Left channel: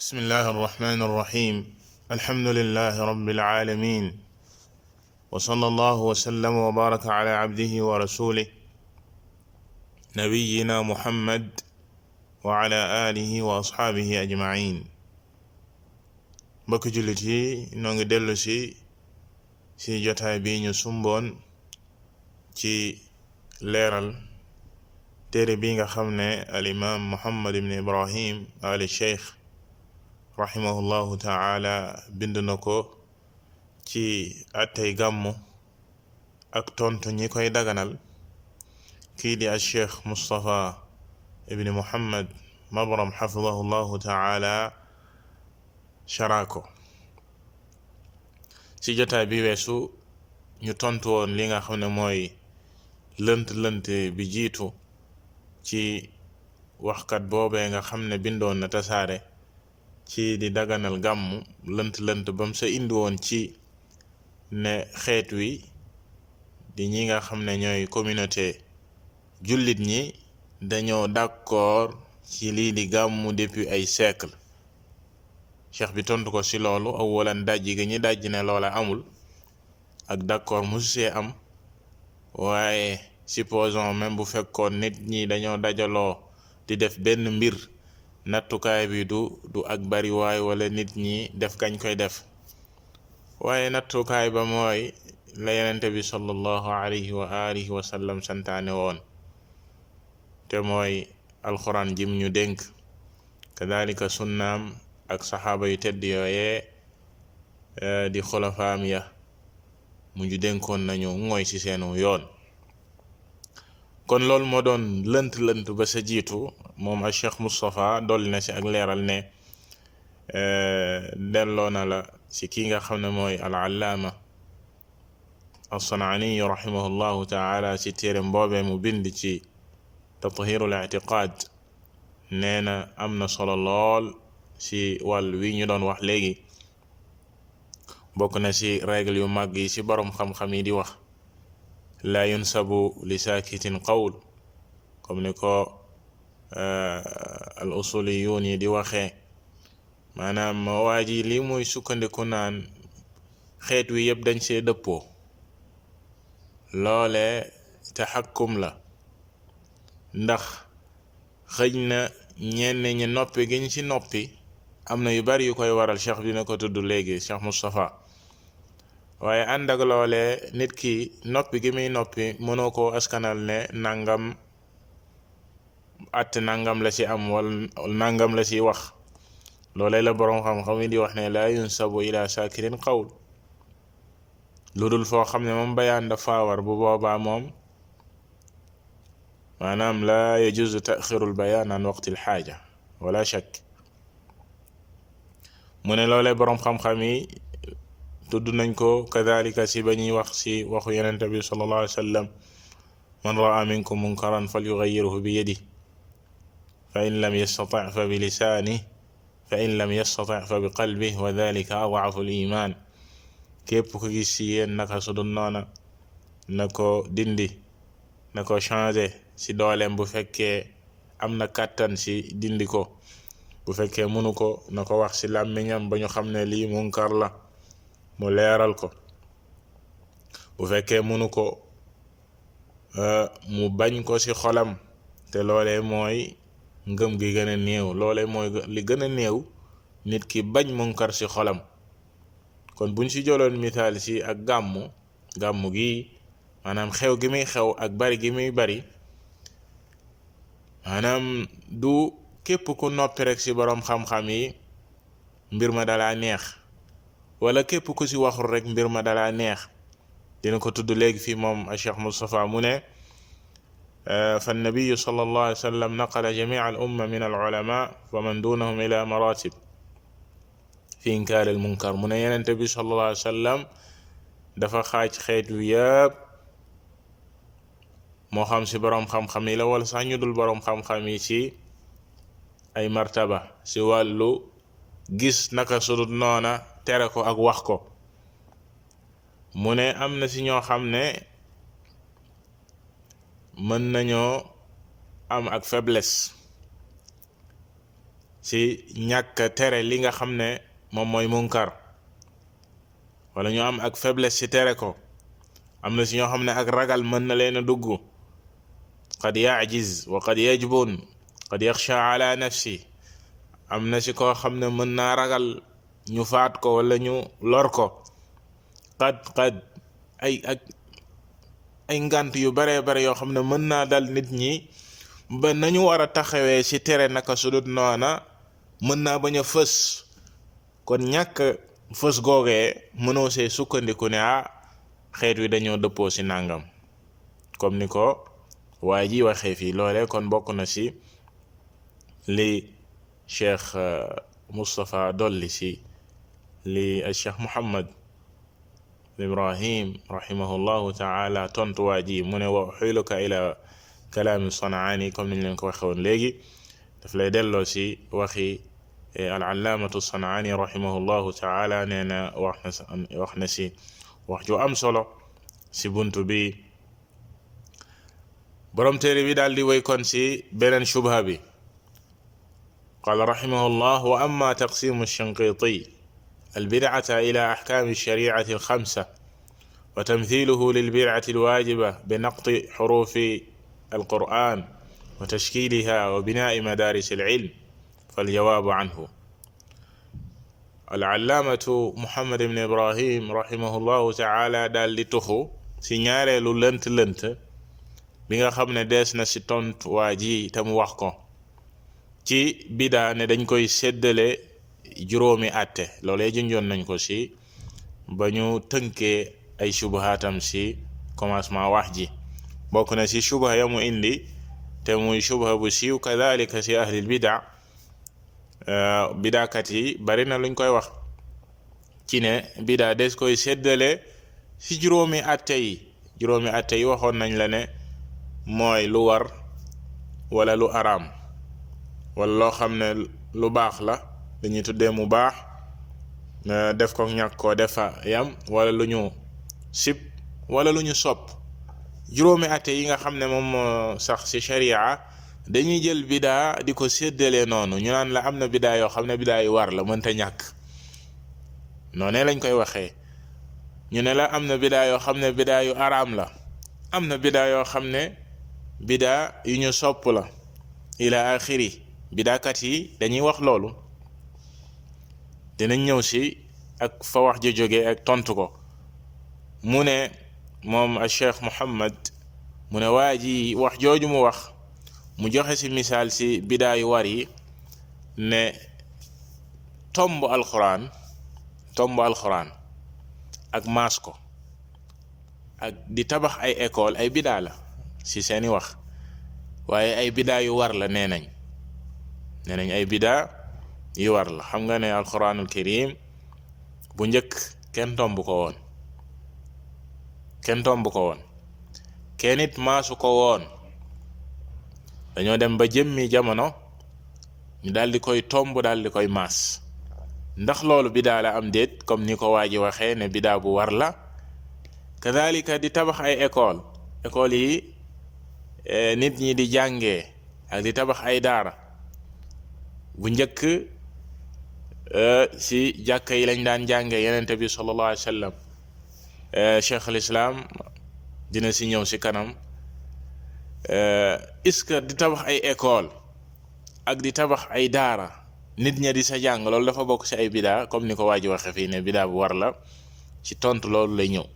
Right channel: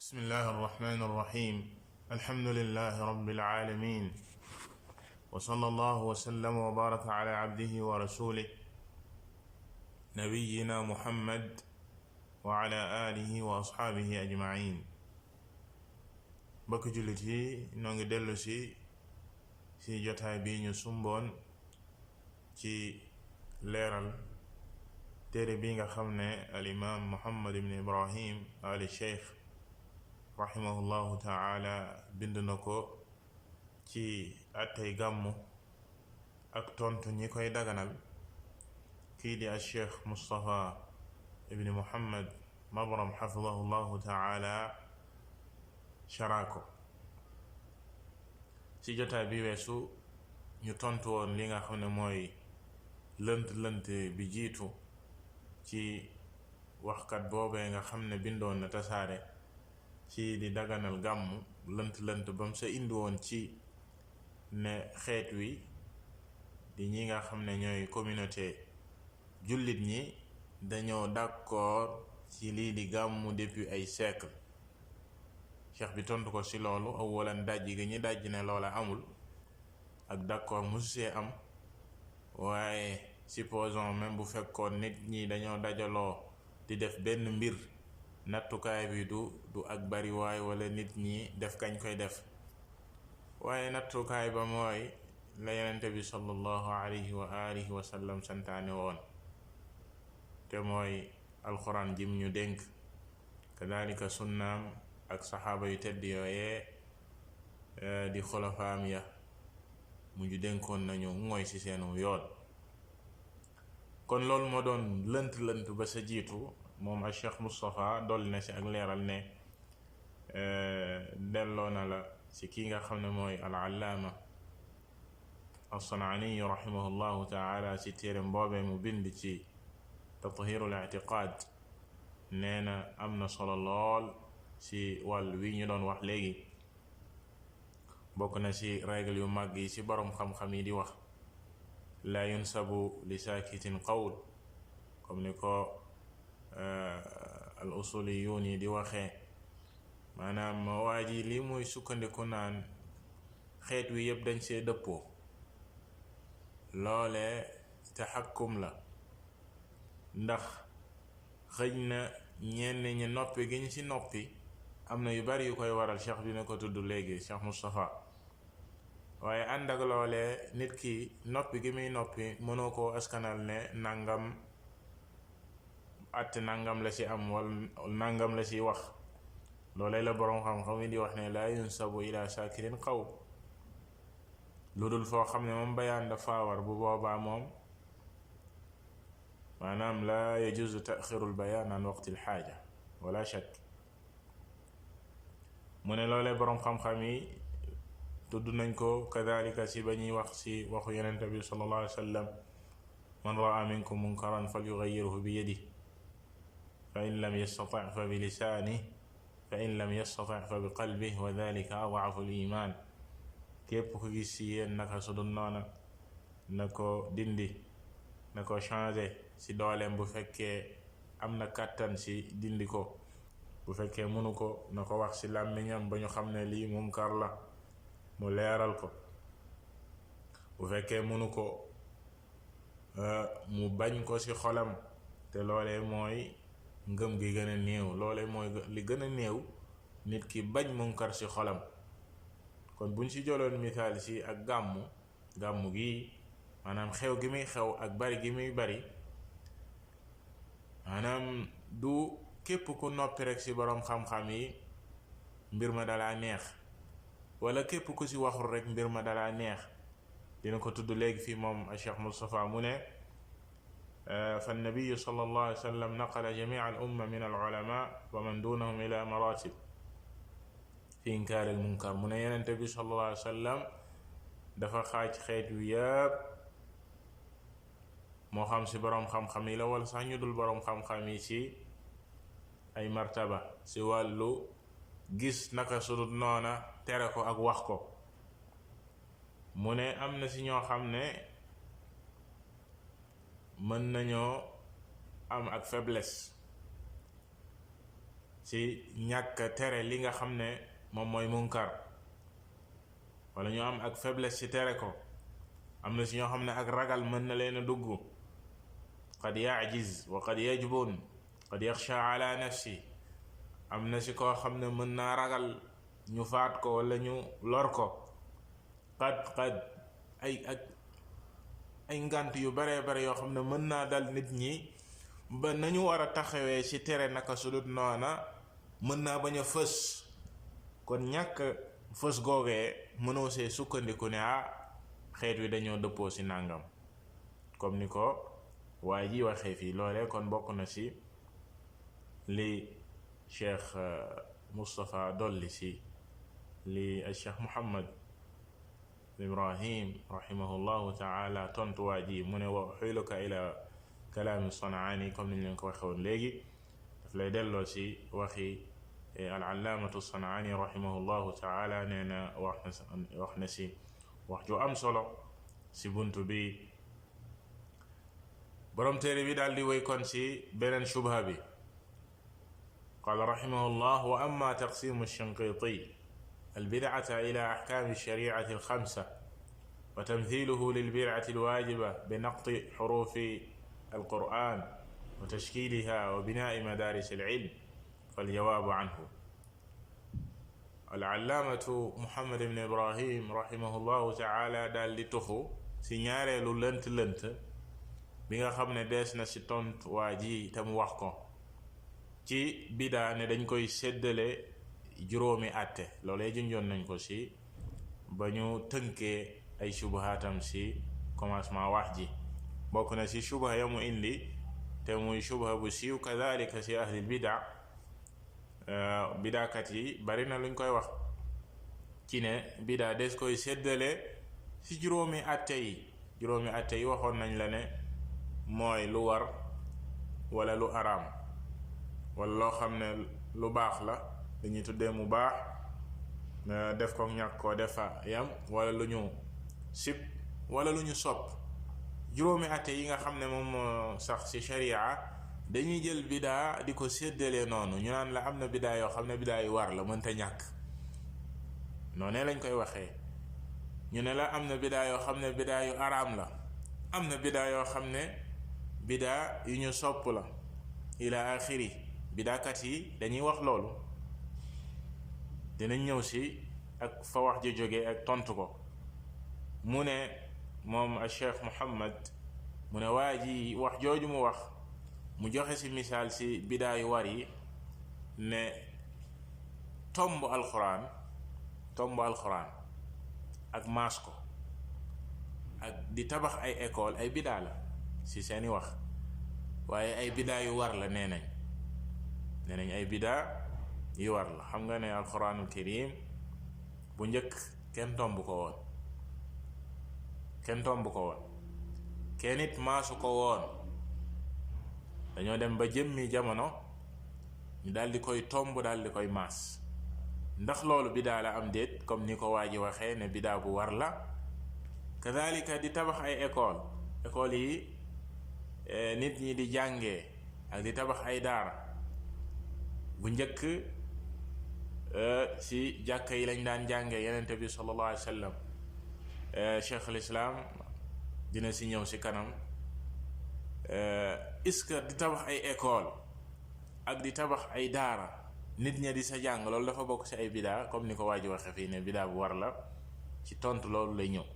بسم الله الرحمن الرحيم الحمد لله رب العالمين وصلى الله وسلم وبارك على عبده ورسوله نبينا محمد وعلى آله وأصحابه أجمعين. mbokk jullit yi noo ngi dellu si jotaay bi ñu sumboon ci leeral téere bi nga xam ne al imam Muhammad ibn Ibrahim ali Cheikh rahimahullahu ta'ala bind na ko ci attey gàmmu ak tontu ñi koy daganal kii di al Cheikh Mustafa ibn Muhammad Mabram hafidahullahu ta'ala sharako. ci jotaay bi weesu ñu tontu woon li nga xam ne mooy lënt bi jiitu ci waxkat boobee nga xam ne bindoon na tasaare ci di daganal gàmmu lënt bam sa indi woon ci ne xeet wi di ñi nga xam ne ñooy communauté jullit ñi dañoo d'accord ci lii di gàmmu depuis ay siècle. cheikh bi tontu ko ci loolu awalan dajji gi ñi dajji ne loola amul ak d'accord musu see am, waaye supposons même bu fekkoon nit ñi dañoo dajaloo di def benn mbir, nattukaay bi du ak bari waay wala nit ñi def kañ koy def, waaye nattukaay ba mooy la yenente bi sallallahu alayhi wa alihi wa sallam santaane woon te mooy alxuraan jim ñu dénk, kadalika sunnaam ak saxaaba yu tedd yooyee di xulafaam ya mu ñu dénkoon nañu mooy ci seenu yoon. kon loolu moo doon lënt ba sa jiitu. moom al Cheikh Moustapha dolli na ci ak leeral ne delloo na la ci ki nga xam ne mooy al allaama as-San'aani rahimahullahu taala ci téere mboobee mu bind ci tathirul i'tiqaad. nee na am na solo lool ci wàll wi ñu doon wax léegi, bokk na ci règle yu mag yi ci borom xam-xam yi di wax la yunsabu li saakitin qawl, comme ni ko al usuliyun yi di waxee, maanaam waa ji lii muy sukkandiku naan xeet wi yëpp dañ see dëppoo, loole taxakkum la, ndax xëj na ñenn ñi noppi gi ñu ci noppi am na yu bari yu koy waral. cheikh dina ko tudd léegi, cheikh Moustapha. waaye ànd ak loolee nit ki noppi gi muy noppi mënoo koo askanal ne nangam at nangam la ci am wala nangam la ci wax. loolee la boroom xam-xam yi di wax ne la yunsabu ila sakirin qawl, lu dul foo xam ne moom bayaan dafa war, bu boobaa moom maanaam la yajuzu taxirul bayaan an waqtil xaaja wala shakk. mu ne loolee boroom xam-xam yi tudd nañ ko kadalika si ba ñuy wax si waxu yenente bi sallallahu alayhi wa sallam, man raa minkum munkaran falyughayyirhu bi yadihi fa in lam yastati' fa bi lisaanihi fa in lam yastati' fa bi qalbihi wa dhalika ad'afu al-iman. képp ko gis si yéen naka su dul noona na ko dindi, na ko changer si dooleem bu fekkee am na kàttan si dindi ko, bu fekkee mënu ko na ko wax si làmmiñam ba ñu xam ne lii munkar la mu leeral ko, bu fekkee mënu ko mu bañ ko ci xolam, te loolee mooy ngëm gi gën a néew, loolee mooy li gën a néew nit ki bañ munkar ci xolam. kon buñ ci jëloon misaal ci ak gàmmu gi, maanaam xew gi muy xew ak bari gi muy bari, maanaam du képp ku noppi rek ci boroom xam-xam yi mbir ma dalaa neex, wala képp ku ci waxul rek mbir ma dalaa neex. dina ko tudd léegi fii moom a Cheikh Moustapha mu ne fa nabiyu sallallahu alayhi wa sallam naqala jamia al umma min al ulama wa man dunahum ila maratib fi inkaar al munkar. mu ne yenente bi sallallahu alayhi wa sallam dafa xaaj xeet wi yëpp, moo xam ci boroom xam-xam yi la wala sax ñu dul boroom xam-xam yi, ci ay martaba ci wàllu gis naka sudut noona, tere ko ak wax ko. mu ne am na ci ñoo xam ne mën nañoo am ak faiblesse ci ñàkk tere li nga xam ne moom mooy munkar wala ñu am ak faiblesse ci tere ko. am na si ñoo xam ne ak ragal mën na leen a dugg, qad yaajiz wa qad yajbun qad yaxsha ala nafsi. am na si koo xam ne mën naa ragal ñu faat ko wala ñu lor ko. qad ay ngant yu baree bare yoo xam ne mën naa dal nit ñi ba nañu war a taxawee ci tere naka sudut noona mën naa bañ a fës. kon ñàkk fës googee mënoo see sukkandiku ne xeet wi dañoo dëppoo ci nàngam comme ni ko waa ji waxee fii. loole kon bokk na ci li cheikh Moustapha dolli ci li cheikh Muhammad Ibrahim rahimahullahu taala tontu waa ji mu ne wa uxiluka ila kalaami Sanaani comme niñ leen ko waxe woon léegi daf lay delloo ci waxi al-allaamatu Sanaani rahimahullahu taala nee na wax na ci wax ju am solo ci buntu bi. borom téere bi daal di wéy kon ci beneen shubha bi. qaala rahimahullah wa amma taqsimu Shinqiiti albidcata ila axkaami shariicati alxamsa wa tamthiluhu lilbidcati alwaajiba binaqti xuruufi alqur'an wa tashkiiliha wa binaa'i madaaris alcilm faljawaabu canhu. al-allaamatu Muhammad ibn Ibrahim rahimahullahu taala daal di tuxu ci ñaareelu lënt-lënt bi nga xam ne dees na ci tontu waa ji te mu wax ko ci bidaa ne dañ koy séddale juróomi àtte. loolee junjoon nañ ko ci ba ñu tënkee ay shubhaatam ci commencement wax ji. bokk na ci shubha ya mu indi te muy shubha bu siiw kadhalika ci ahlil bidaa. bidaakat yi bari na luñ koy wax ci ne bidaa des koy séddale ci juróomi àtte yi. juróomi àtte yi waxoon nañ la ne mooy lu war wala lu araam wala loo xam ne lu baax la dañuy tuddee mu baax def ko ñàkk koo defa yam wala lu ñu sib wala lu ñu sopp. juróomi àtte yi nga xam ne moom moo sax ci sharia dañuy jël bidaa di ko séddalee noonu. ñu naan la am na bidaa yoo xam ne bidaa yu war la mënta ñàkk noonee lañ koy waxee. ñu ne la am na bidaa yoo xam ne bidaa yu araam la, am na bidaa yoo xam ne bidaa yu ñu sopp la ila axiri. bidaakat yi dañuy wax loolu. dinañ ñëw ci ak fa wax ji jóge ak tontu ko. mu ne moom a cheikh Muhammad mu ne waa ji wax jooju mu wax mu joxe ci misaal ci bidaa yu war yi ne tomb alxuraan ak maas ko ak di tabax ay école ay bidaa la ci seeni wax, waaye ay bidaa yu war la nee nañ ay bidaa yu war la. xam nga ne alxuraanul karim bu njëkk kenn tomb ko woon kenn it maasu ko woon. dañoo dem ba jëmmi jamono ñu daal di koy tomb daal di koy maas. ndax loolu bidaa la am déet comme ni ko waa ji waxee ne bidaa bu war la. kadhalika di tabax ay école yi nit ñi di jàngee ak di tabax ay daara. bu njëkk ci jàkka yi lañ daan jàngee yenente bi sallallahu alayhi wa sallam. cheikh al islam dina ci ñëw ci kanam. est-ce que di tabax ay école ak di tabax ay daara nit ña di sa jàng loolu dafa bokk ci ay bidaa comme ni ko waa ji waxe fii ne bidaa bu war la. ci tontu loolu lay ñëw.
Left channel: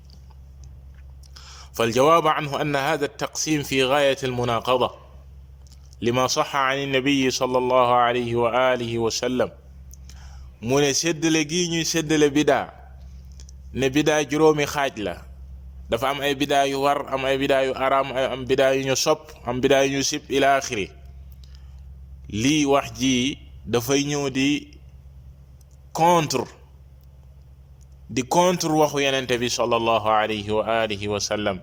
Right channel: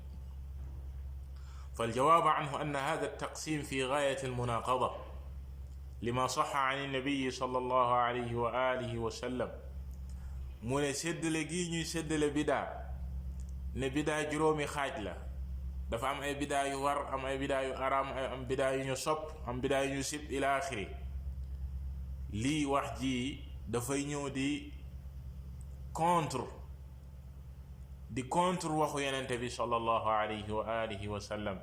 فالجواب عنه أن هذا التقسيم في غاية المناقضة لما صح عن النبي صلى الله عليه وآله وسلم. mu ne séddale gi ñuy séddale bidaa ne bidaa juróomi xaaj la. dafa am ay bidaa yu war, am ay bidaa yu araam, am bidaa yu ñu sopp, am bidaa yu ñu sib ila axiri. lii wax ji dafay ñëw di contre waxu yenente bi sallallahu alayhi wa alihi wa sallam.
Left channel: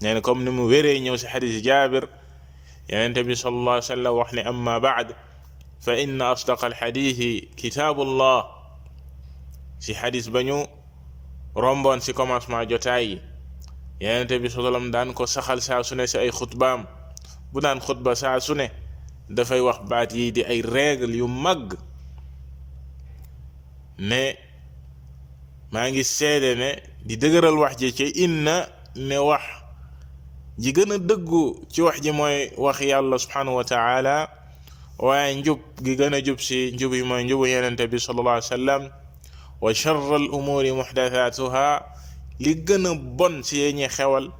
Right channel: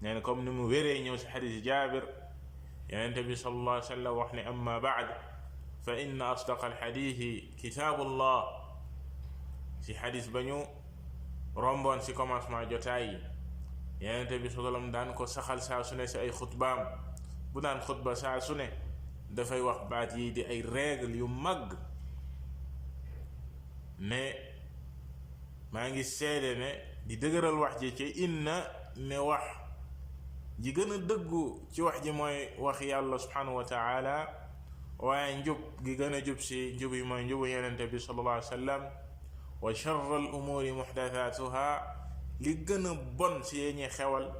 nee na comme ni mu wéree ñëw si xadis Jaabir yenente bi sallallahu alayhi wa sallam wax ne amma baad fa inna asdaqa alxadisi kitaabullah. si xadis ba ñu romboon si commencement jotaay yi yenente bi sallallahu alayhi wa sallam daan ko saxal saa su ne si ay xutbaam. bu daan xutba saa su ne dafay wax baat yi di ay règle yu mag ne maa ngi seede ne di dëgëral wax ji ci inna ne wax ji gën a dëggu ci wax ji mooy wax yàlla subhanahu wa taala waaye njub gi gën a jub si njub yi mooy njubu yenente bi sallallahu alayhi wa sallam wa charra al umuri muhdathatuha li gën a bon si yee ñuy xewal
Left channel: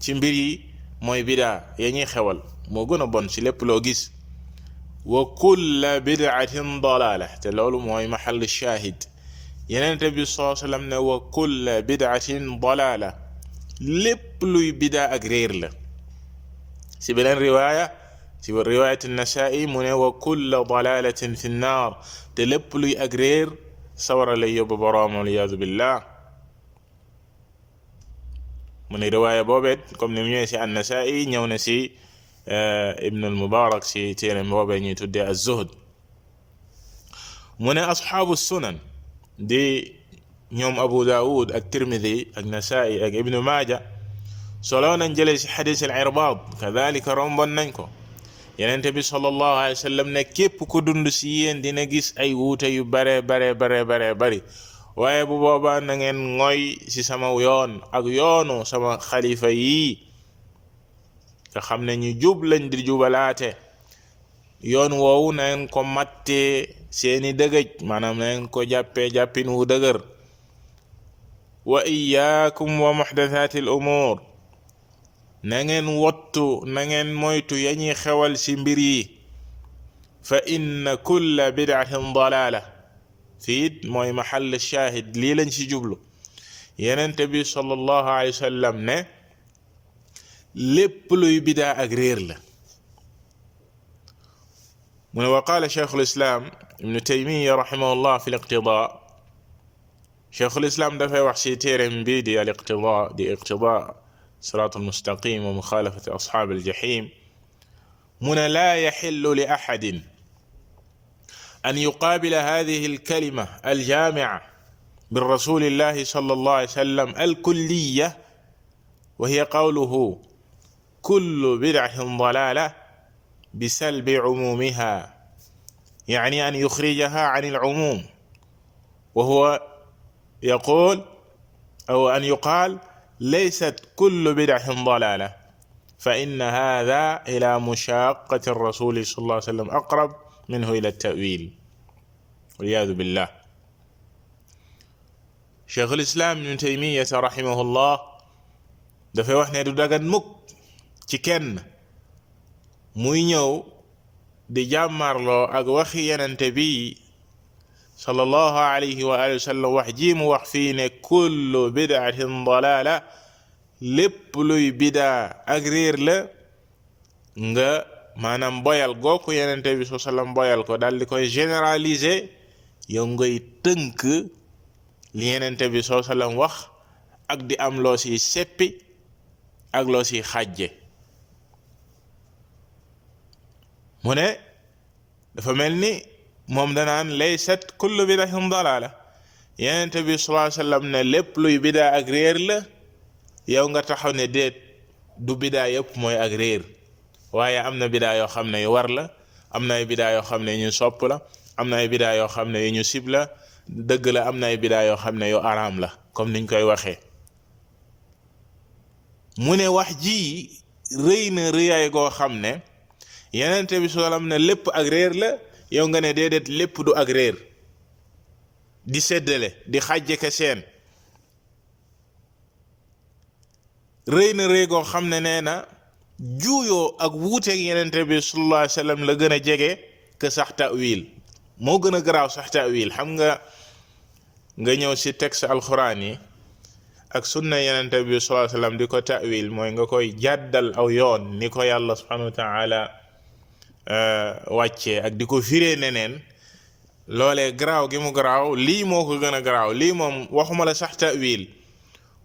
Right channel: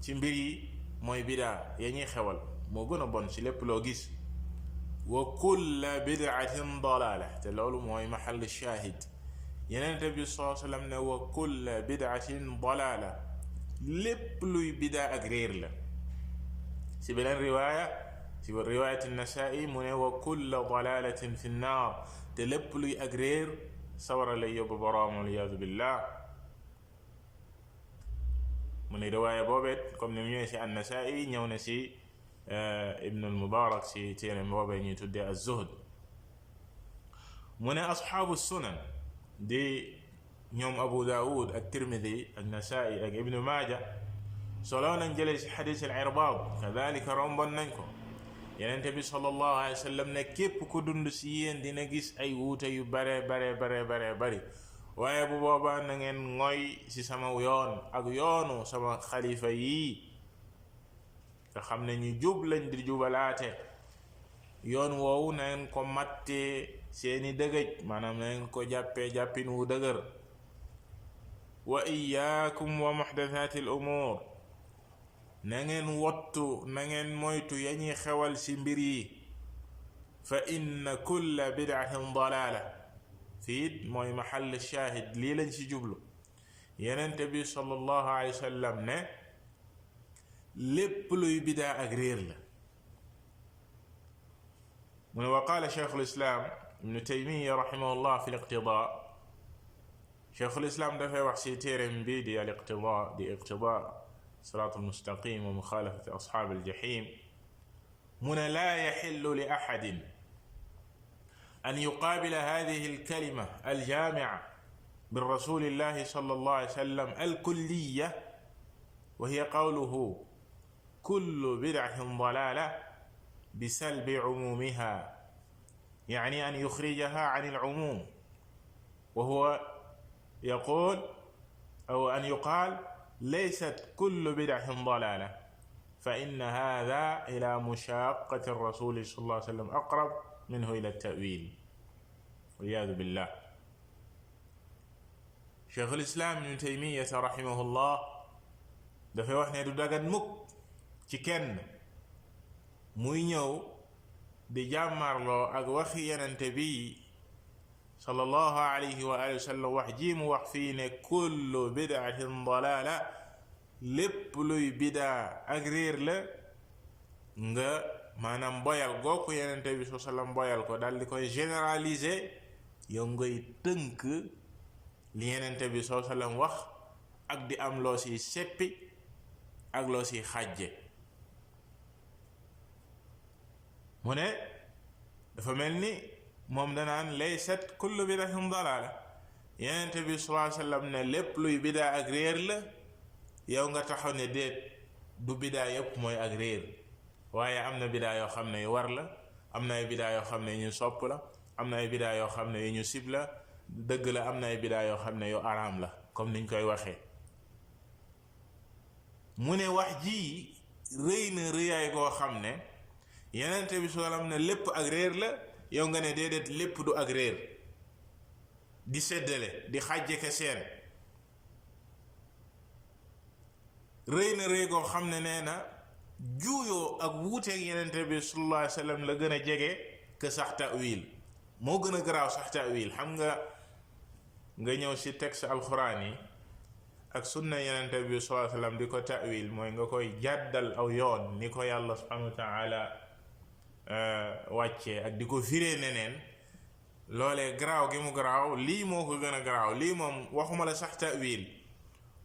ci mbir yi mooy bidaa ya ñuy xewal moo gën a bon si lépp loo gis wa kulla bid'atin dalala te loolu mooy mahall shahid yenente bi sallallahu alayhi wa sallam ne wa kulla bid'atin dalala lépp luy bidaa ak réer la si beneen riwaaya si riwaayat an-Nasaa'i mu ne wa kulla dalalatin fi nnaar te lépp luy ak réer sawara lay yóbbu boroom waliyaadu billah mu ne riwaaya boobeet comme ni mu ñëwee si an-Nasaa'i ñëw na si Ibn al-Mubarak si téeram boobee ñuy tuddee az-Zuhd mu ne asxaabu sunan di ñoom Abu Daawud ak Tirmidi ak Nasaa'i ak Ibnu Maaja solo nañ jëlee si xadis al-Irbaad kadalika rombon nañ ko yenente bi sallallahu alayhi wa sallam ne képp ku dund si yéen dina gis ay wuute yu bare bari waaye bu boobaa na ngeen ngoy si sama yoon ak yoonu sama xalifa yii nga xam ne ñu jub lañ di jubalaate yoon woowu na ngeen ko mattee seeni dëgëj maanaam na ngeen ko jàppin wu dëgër wa iyaakum wa muhdathati al umur na ngeen wottu na ngeen moytu ya ñuy xewal ci mbir yi fa inna kulla bid'atin dalala fiit mooy mahall shahid lii lañ ci jublu yenente bi sallallahu alayhi wa sallam ne lépp luy bidaa ak réer la mu ne wa qaala cheikhul islam ibnu taymiya rahimahullah fi liqtidaa cheikhul islam dafay wax ci téereem bi di al iqtidaa di iqtidaa siraat almustaqim wa muxaalafati asxaab aljahim mu ne laa yaxillu li axadin an yuqaabila hadihi alkalima aljaamica min rasulillahi sallallahu alayhi wa sallam alkulliya wa hiya qawluhu kullu bidcatin dalaala bisalbi cumuumiha يعني أن يخرجها عن العموم وهو يقول أو أن يقال ليست كل بدعة ضلالة فإن هذا إلى مشاقة الرسول صلى الله عليه وسلم أقرب منه إلى التأويل والعياذ بالله شيخ الإسلام ابن تيمية رحمه الله dafay wax ne du dagan mukk ci kenn muy ñëw di jàmmarloo ak waxi yenente bi sallallahu alayhi wa alihi wa sallam wax ji mu wax fii ne kullu bid'atin dalala lépp luy bidaa ak réer la nga maanaam boyal gooku yenente bi sallallahu alayhi wa sallam boyal ko daal di koy généraliser yow ngay tënk li yenente bi sallallahu alayhi wa sallam wax ak di am loo si seppi ak loo si xàjje mu ne dafa mel ni moom danaan laysat kullu bidatin dalala yenente bi sallallahu alayhi wa sallam ne lépp luy bidaa ak réer la yow nga taxaw ne déet du bidaa yëpp mooy ak réer waaye am na bidaa yoo xam ne yu war la am na ay bidaa yoo xam ne yu ñu sopp la am na ay bidaa yoo xam ne yu ñu sib la dëgg la am na ay bidaa yoo xam ne yu araam la comme niñ koy waxee mu ne wax ji rëy na rëyaay goo xam ne yenente bi sallam ne lépp ak réer la yow nga ne déedéet lépp du ak réer di seddale di xàjje ka seen rëy na rëy goo xam ne nee na juuyoo ak wuuteeg yenente bi sallallahu alayhi wa sallam la gën a jege que sax ta'wil moo gën a garaaw sax ta'wil xam nga ñëw ci texte alxuraan yi ak sunna yenente bi sallallahu alayhi wa sallam di ko ta'wil mooy nga koy jàddal aw yoon ni ko yàlla subhanahu wa ta'ala wàccee ak di ko firee neneen loolee garaaw gi mu garaaw lii moo ko gën a garaaw lii moom waxuma la sax ta'wil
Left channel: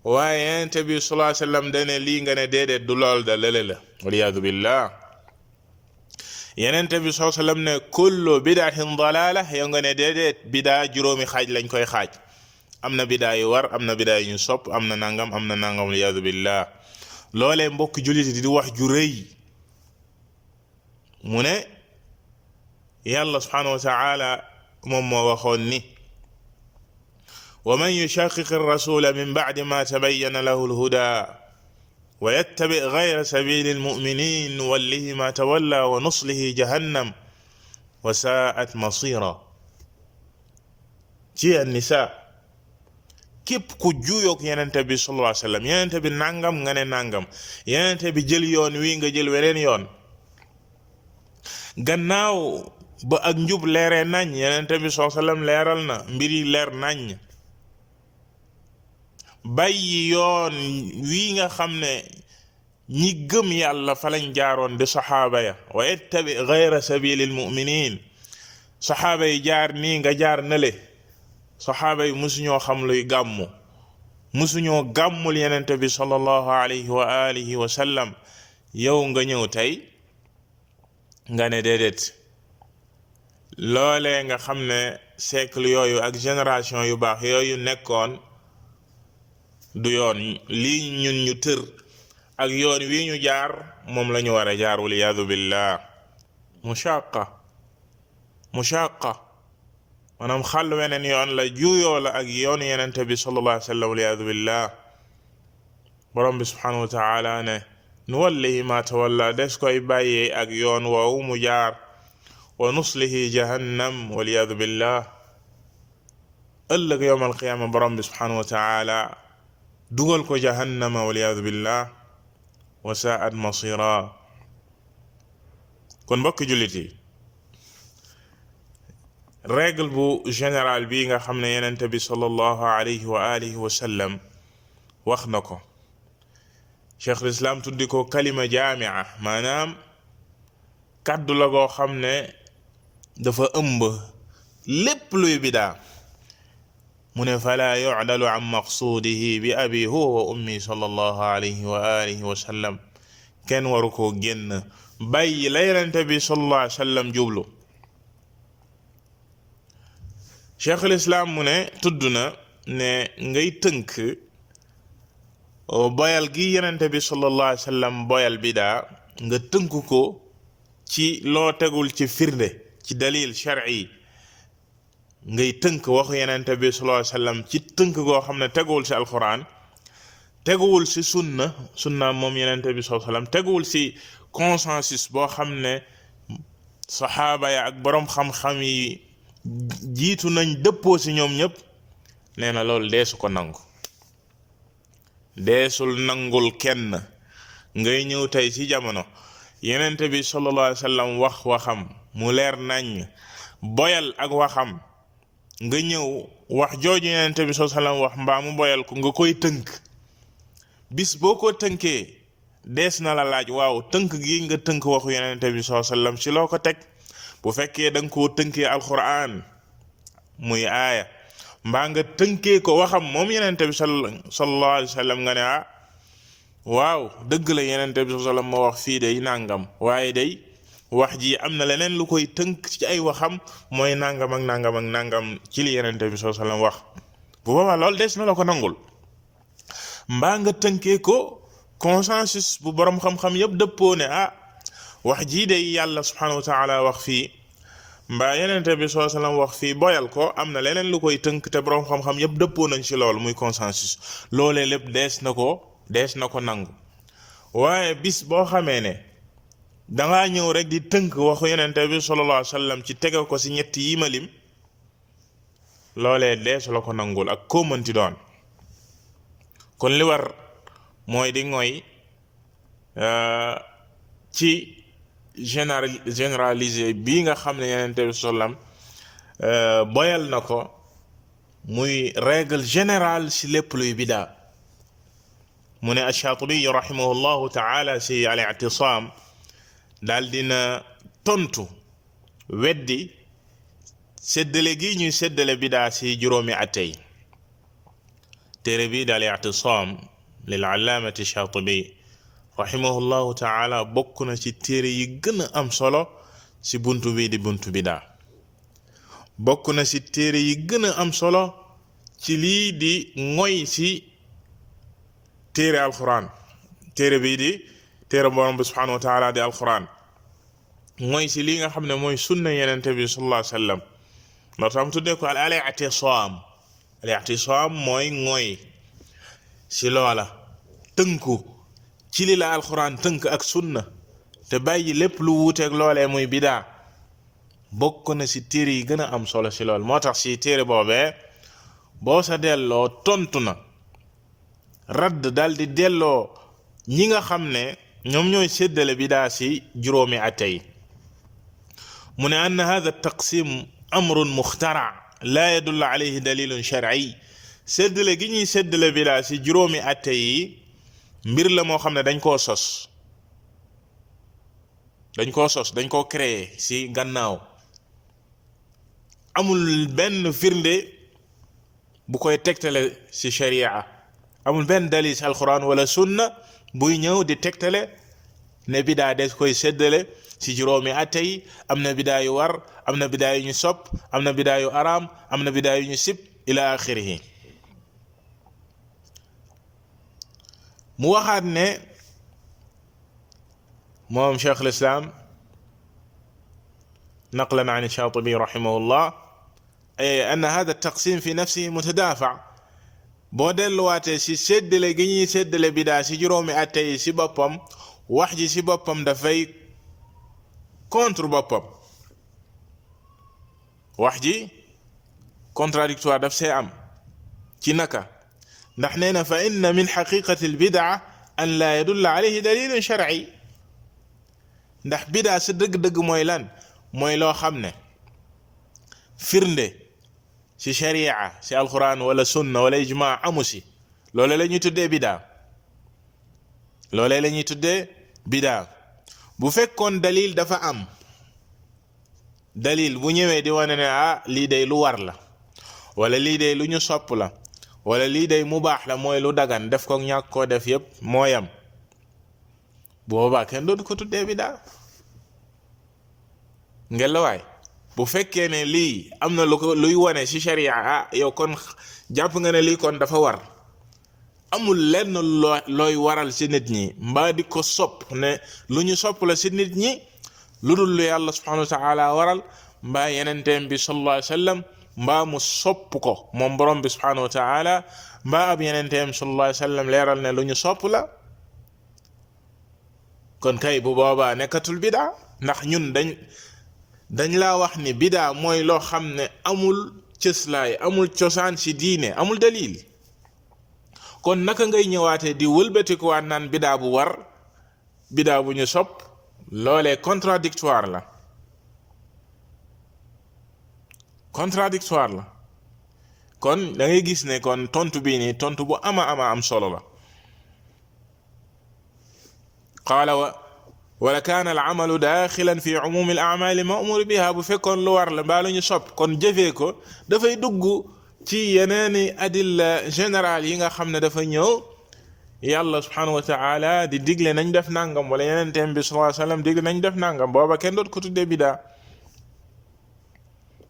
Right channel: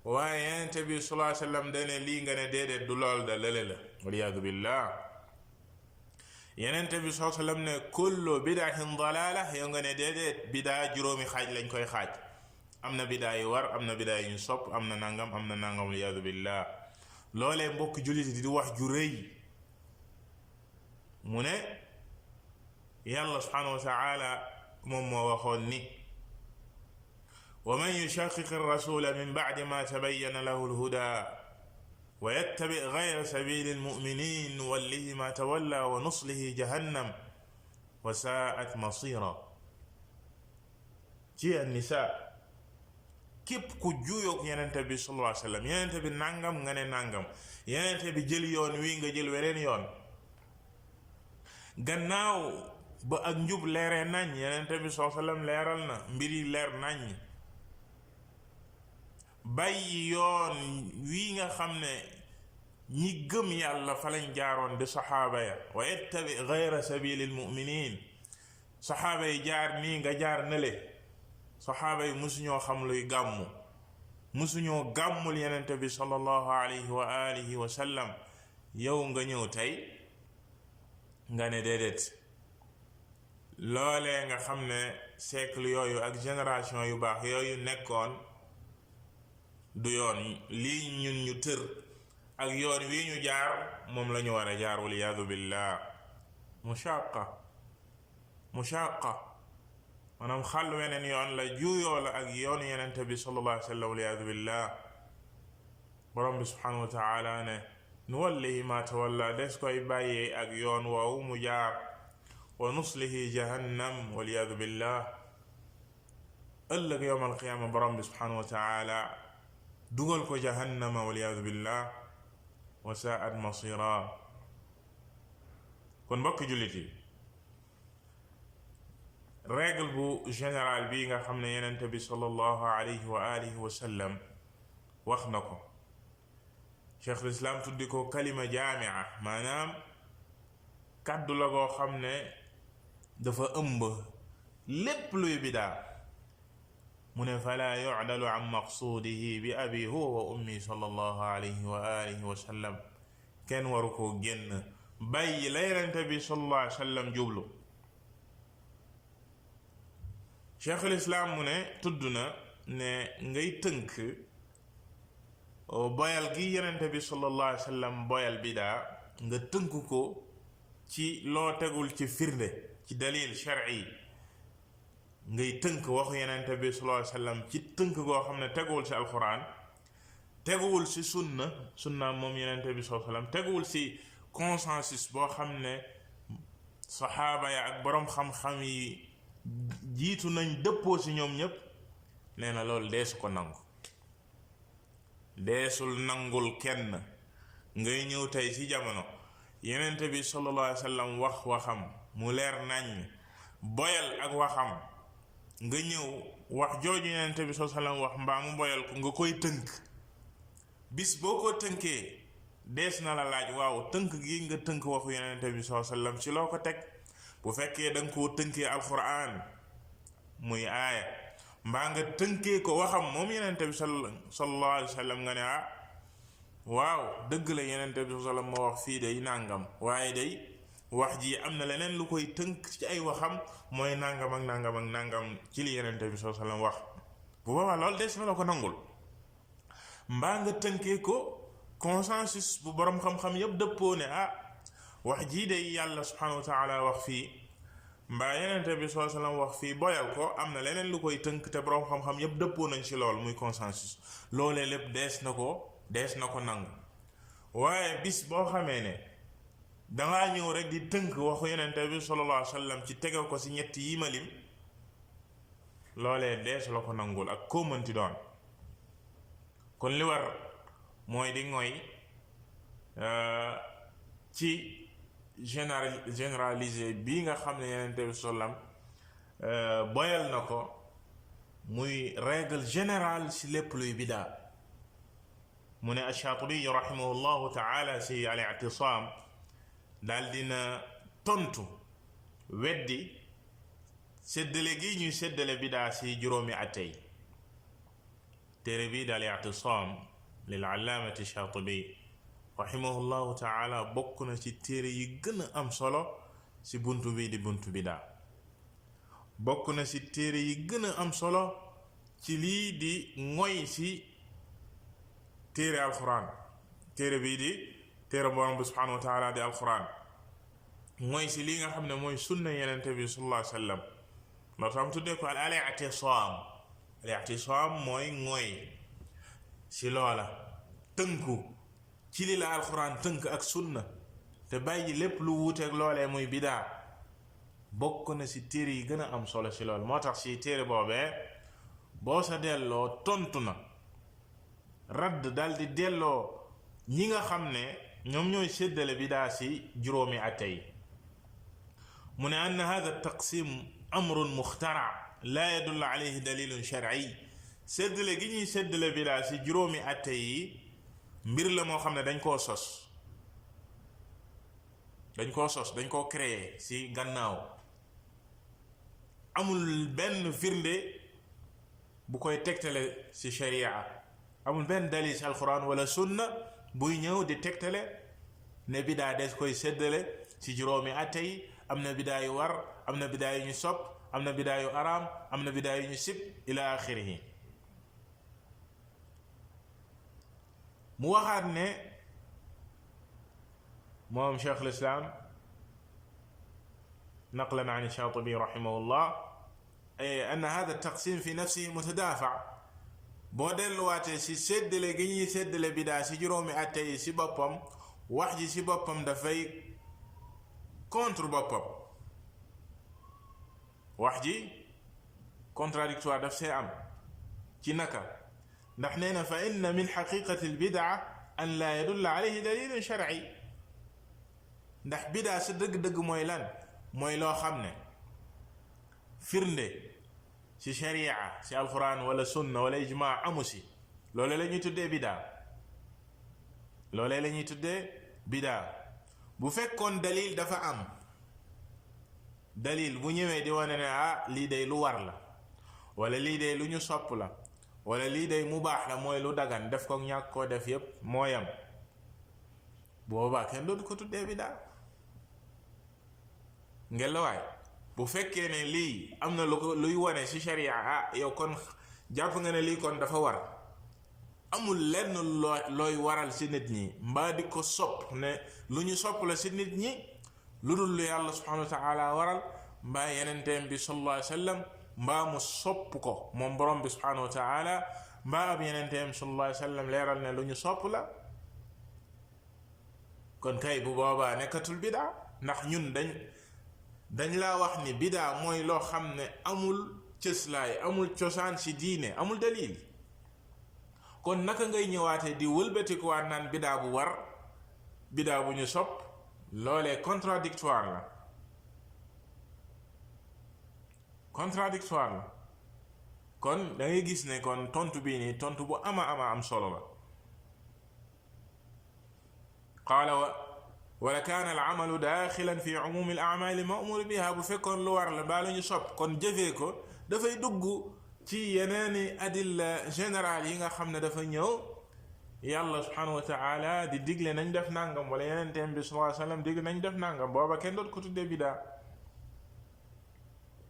waaye yenente bi sallallahu alayhi wa sallam dane lii nga ne déedéet du lool da lële la waliyaadu billah yenente bi sallallahu alayhi wa sallam ne kullu bid'atin dalala yow nga ne déedéet bidaa juróomi xaaj lañ koy xaaj am na bidaa yu war am na bidaa yu ñu sopp am na nangam waliyaadu billah loolee mbokk jullit di wax ju rëy mu ne yàlla subhanahu wa taala moom moo waxoon ni wa man yushaqiqi rasula min ba'di ma tabayyana lahu alhuda wa yattabi ghayra sabili almu'minin nuwallihi ma tawalla wa nuslihi jahannam wa sa'at masira. ci an-nisa képp ku juyoog yenente bi sallallahu alayhi wa sallam, yenente bi nangam nga ne nangam, yenente bi jël yoon wi nga jël weneen yoon, gannaaw ba ak njub leeree nañ, yenente bi sallallahu alayhi wa sallam leeral na mbir yi leer nañ, bàyyi yoon wi nga xam ne ñi gëm yàlla fa lañ jaaroon di saxaaba ya, wa yattabi ghayra sabilil mu'minin, saxaaba yi jaar nii nga jaar nale. saxaaba yi musuñoo xam luy gàmmu, musuñoo gàmmul yenente bi sallallahu alayhi wa alihi wa sallam. yow nga ñëw tey nga ne déedéet, loolee nga xam ne siècle yooyu ak génération yu baax yooyu nekkoon du yoon, lii ñun ñu tër ak yoon wi ñu jaar moom la ñu war a jaar, wal iyaadu billah. mushaqa maanaam xàll weneen yoon la, juuyoo la ak yoon yenente bi sallallahu alayhi wa sallam, wal iyaadu billah. borom bi subhanahu wa taala ne nuwallihi ma tawalla, des koy bàyyee ak yoon woowu mu jaar, wa nuslihi jahannam, wal iyaadu billah. ëllëg yowm alqiyaama borom bi subhanahu wa taala dugal ko jahannama, wal iyaadu billah, wa saa'at masira. kon mbokki jullit yi, règle bu général bi nga xam ne yenente bi sallallahu alayhi wa alihi wa sallam wax na ko, cheikh lislaam tuddi ko kalima jaamia, maanaam kàddu la goo xam ne dafa ëmb lépp luy bidaa. mu ne fala yu'dalu an maqsuudihi bi abi huwa wa ummi sallallahu alayhi wa alihi wa sallam, kenn waru koo génn bàyyi la yenente bi sallallahu alayhi wa sallam jublu. cheikh lislaam mu ne tudd na ne ngay tënk boyal gi yenente bi sallallahu alayhi wa sallam boyal bidaa, nga tënk ko ci loo tegul ci firnde, ci dalil shar'i. ngay tënk waxu yenente bi sallallahu alayhi wa sallam ci tënk goo xam ne teguwul ci alquran, teguwul ci sunna moom yenente bi sallallahu alayhi wa sallam, teguwul ci consensus boo xam ne saxaaba ya ak boroom xam-xam yi jiitu nañ dëppoo ci ñoom ñëpp. nee na loolu deesu ko nangu, deesul nangul kenn ngay ñëw tey ci jamono yenente bi sallallahu alayhi wa sallam wax waxam mu leer nañ, boyal ak waxam, nga ñëw wax jooju yenente bi sallallahu alayhi wa sallam wax mbaa mu boyal ko nga koy tënk. bis boo ko tënkee dees na la laaj, waaw tënk gi nga tënk waxu yenente bi sallallahu alayhi wa sallam ci loo ko teg. bu fekkee da nga koo tënkee alquran muy aaya, mbaa nga tënkee ko waxam moom yenente bi sallallahu alayhi wa sallam, nga ne ah waaw dëgg la yenente bi sallallahu alayhi wa sallam ma wax fii day nangam, waaye day wax ji am na leneen lu koy tënk ci ay waxam, mooy nangam ak nangam ak nangam ci li yenente bi sallallahu alayhi wa sallam wax. bu boobaa loolu des na la ko nangul. mbaa nga tënkee ko consensus bu borom xam-xam yëpp dëppoo ne ah wax jii day yàlla subhanahu wa taala wax fii, mbaa yenente bi sallallahu alayhi wa sallam wax fii, boyal ko, am na leneen lu koy tënk te borom xam-xam yëpp dëppoo nañ ci loolu muy consensus. loolee lépp dees na ko nangu. waaye bis boo xamee ne dangaa ñëw rek di tënk waxu yenente bi sallallahu alayhi wa sallam ci tege ko ci ñetti yi ma lim, loolee dees la ko nangul ak koo mënti doon. kon li war mooy di ngoy ci généraliser bii nga xam ne yenente bi sallam boyal na ko, muy règle générale ci lépp luy bidaa. mu ne ash-Shaatibi rahimahullahu taala ci al-i'tisaam daal dina tontu weddi séddale gi ñuy séddale bidaa ci juróomi atey. téere bi daal i'tisaam lil allaamati Shaatibi rahimahullahu taala bokk na ci téere yi gën a am solo ci buntu bi di buntu bidaa. bokk na ci téere yi gën a am solo ci lii di ngoy ci téere alquran, téere bii di téere borom bi subhanahu wa taala di alquran. mooy si li nga xam ne mooy sunna yenente bi sallallahu alayhi wa sallam loo tax mu tuddee ko al i'tisaam mooy mooy si loola tënku ci li la alquran tënk ak sunna te bàyyi lépp lu wuuteeg loolee muy bidaa bokk na si téere yi gën a am solo si lool moo tax si téere boobee boo sa delloo tontu na radd dal di delloo ñi nga xam ne ñoom ñooy séddale bidaa si juróomi atte yi mu ne ann hada taqsim amrun muxtara laa yadullu alayhi dalilun shar'i séddale gi ñuy séddale bidaa si juróomi atte yi mbir la moo xam ne dañ koo sos dañ koo créer si gannaaw amul benn firnde bu koy tegtale si sharia amul benn dalil si alquran wala sunna buy ñëw di tegtale ne bidaa des koy séddale si juróomi atte yi am na bidaa yu war am na bidaa yu ñu sopp am na bidaa yu araam am na bidaa yu ñu sib ila axirihi mu waxaat ne moom cheikh al-islam naqlan an ash-Shatibi rahimahullah anna hada at-taqsim fi nafsihi mutadafa boo delluwaatee si séddale gi ñuy séddale bidaa si juróomi atte yi si boppam wax ji si boppam dafay contre boppam wax ji contradictoire daf see am ci naka ndax nee na fa inna min xaqiqati albidaa an laa yadulla alayhi dalilun shar'i ndax bidaa si dëgg-dëgg mooy lan mooy loo xam ne firnde si sharia si alquran wala sunna wala ijmaa amu si loolee la ñuy tuddee bidaa bu fekkoon dalil dafa am dalil bu ñëwee di wane ne lii day lu war la wala lii day lu ñu sopp la wala lii day mubaax la mooy lu dagan def ko ñàkk koo def yépp mooyam boobaa kenn dootu ko tuddee bidaa ngelawaay bu fekkee ne lii am na lu ko luy wane ci sharia yow kon jàpp nga ne lii kon dafa war amul lenn looy waral ci nit ñi mbaa di ko sopp ne lu ñu sopp la ci nit ñi lu dul lu yàlla subhanahu wa ta'ala waral mbaa yenenteem bi sallallahu alayhi wa sallam mbaa mu sopp ko moom borom bi subhanahu wa ta'ala mbaa ab yenenteem sallallahu alayhi wa sallam leeral ne lu ñu sopp la kon kay bu boobaa nekkatul bidaa ndax ñun dañ laa wax ni bidaa mooy loo xam ne amul cëslaay amul cosaan ci diine amul dalil kon naka ngay ñëwaatee di wëlbatikuwaat naan bidaa bu war bidaa bu ñu sopp loolee contradictoire la kon da ngay gis ne kon tontu bii nii tontu bu ama am solo la qaala wala kaana al amalu daaxilan fi umumi al amali ma'mur biha bu fekkoon lu war la mbaa lu ñu sopp kon jëfee ko dafay dugg ci yeneeni adilla général yi nga xam ne dafa ñëw yàlla subhanahu wa ta'ala di digle nañ def nangam wala yeneen teem bi sallallahu alayhi wasallam digle nañ def nangam booba kenn doot ko tuddee bidaa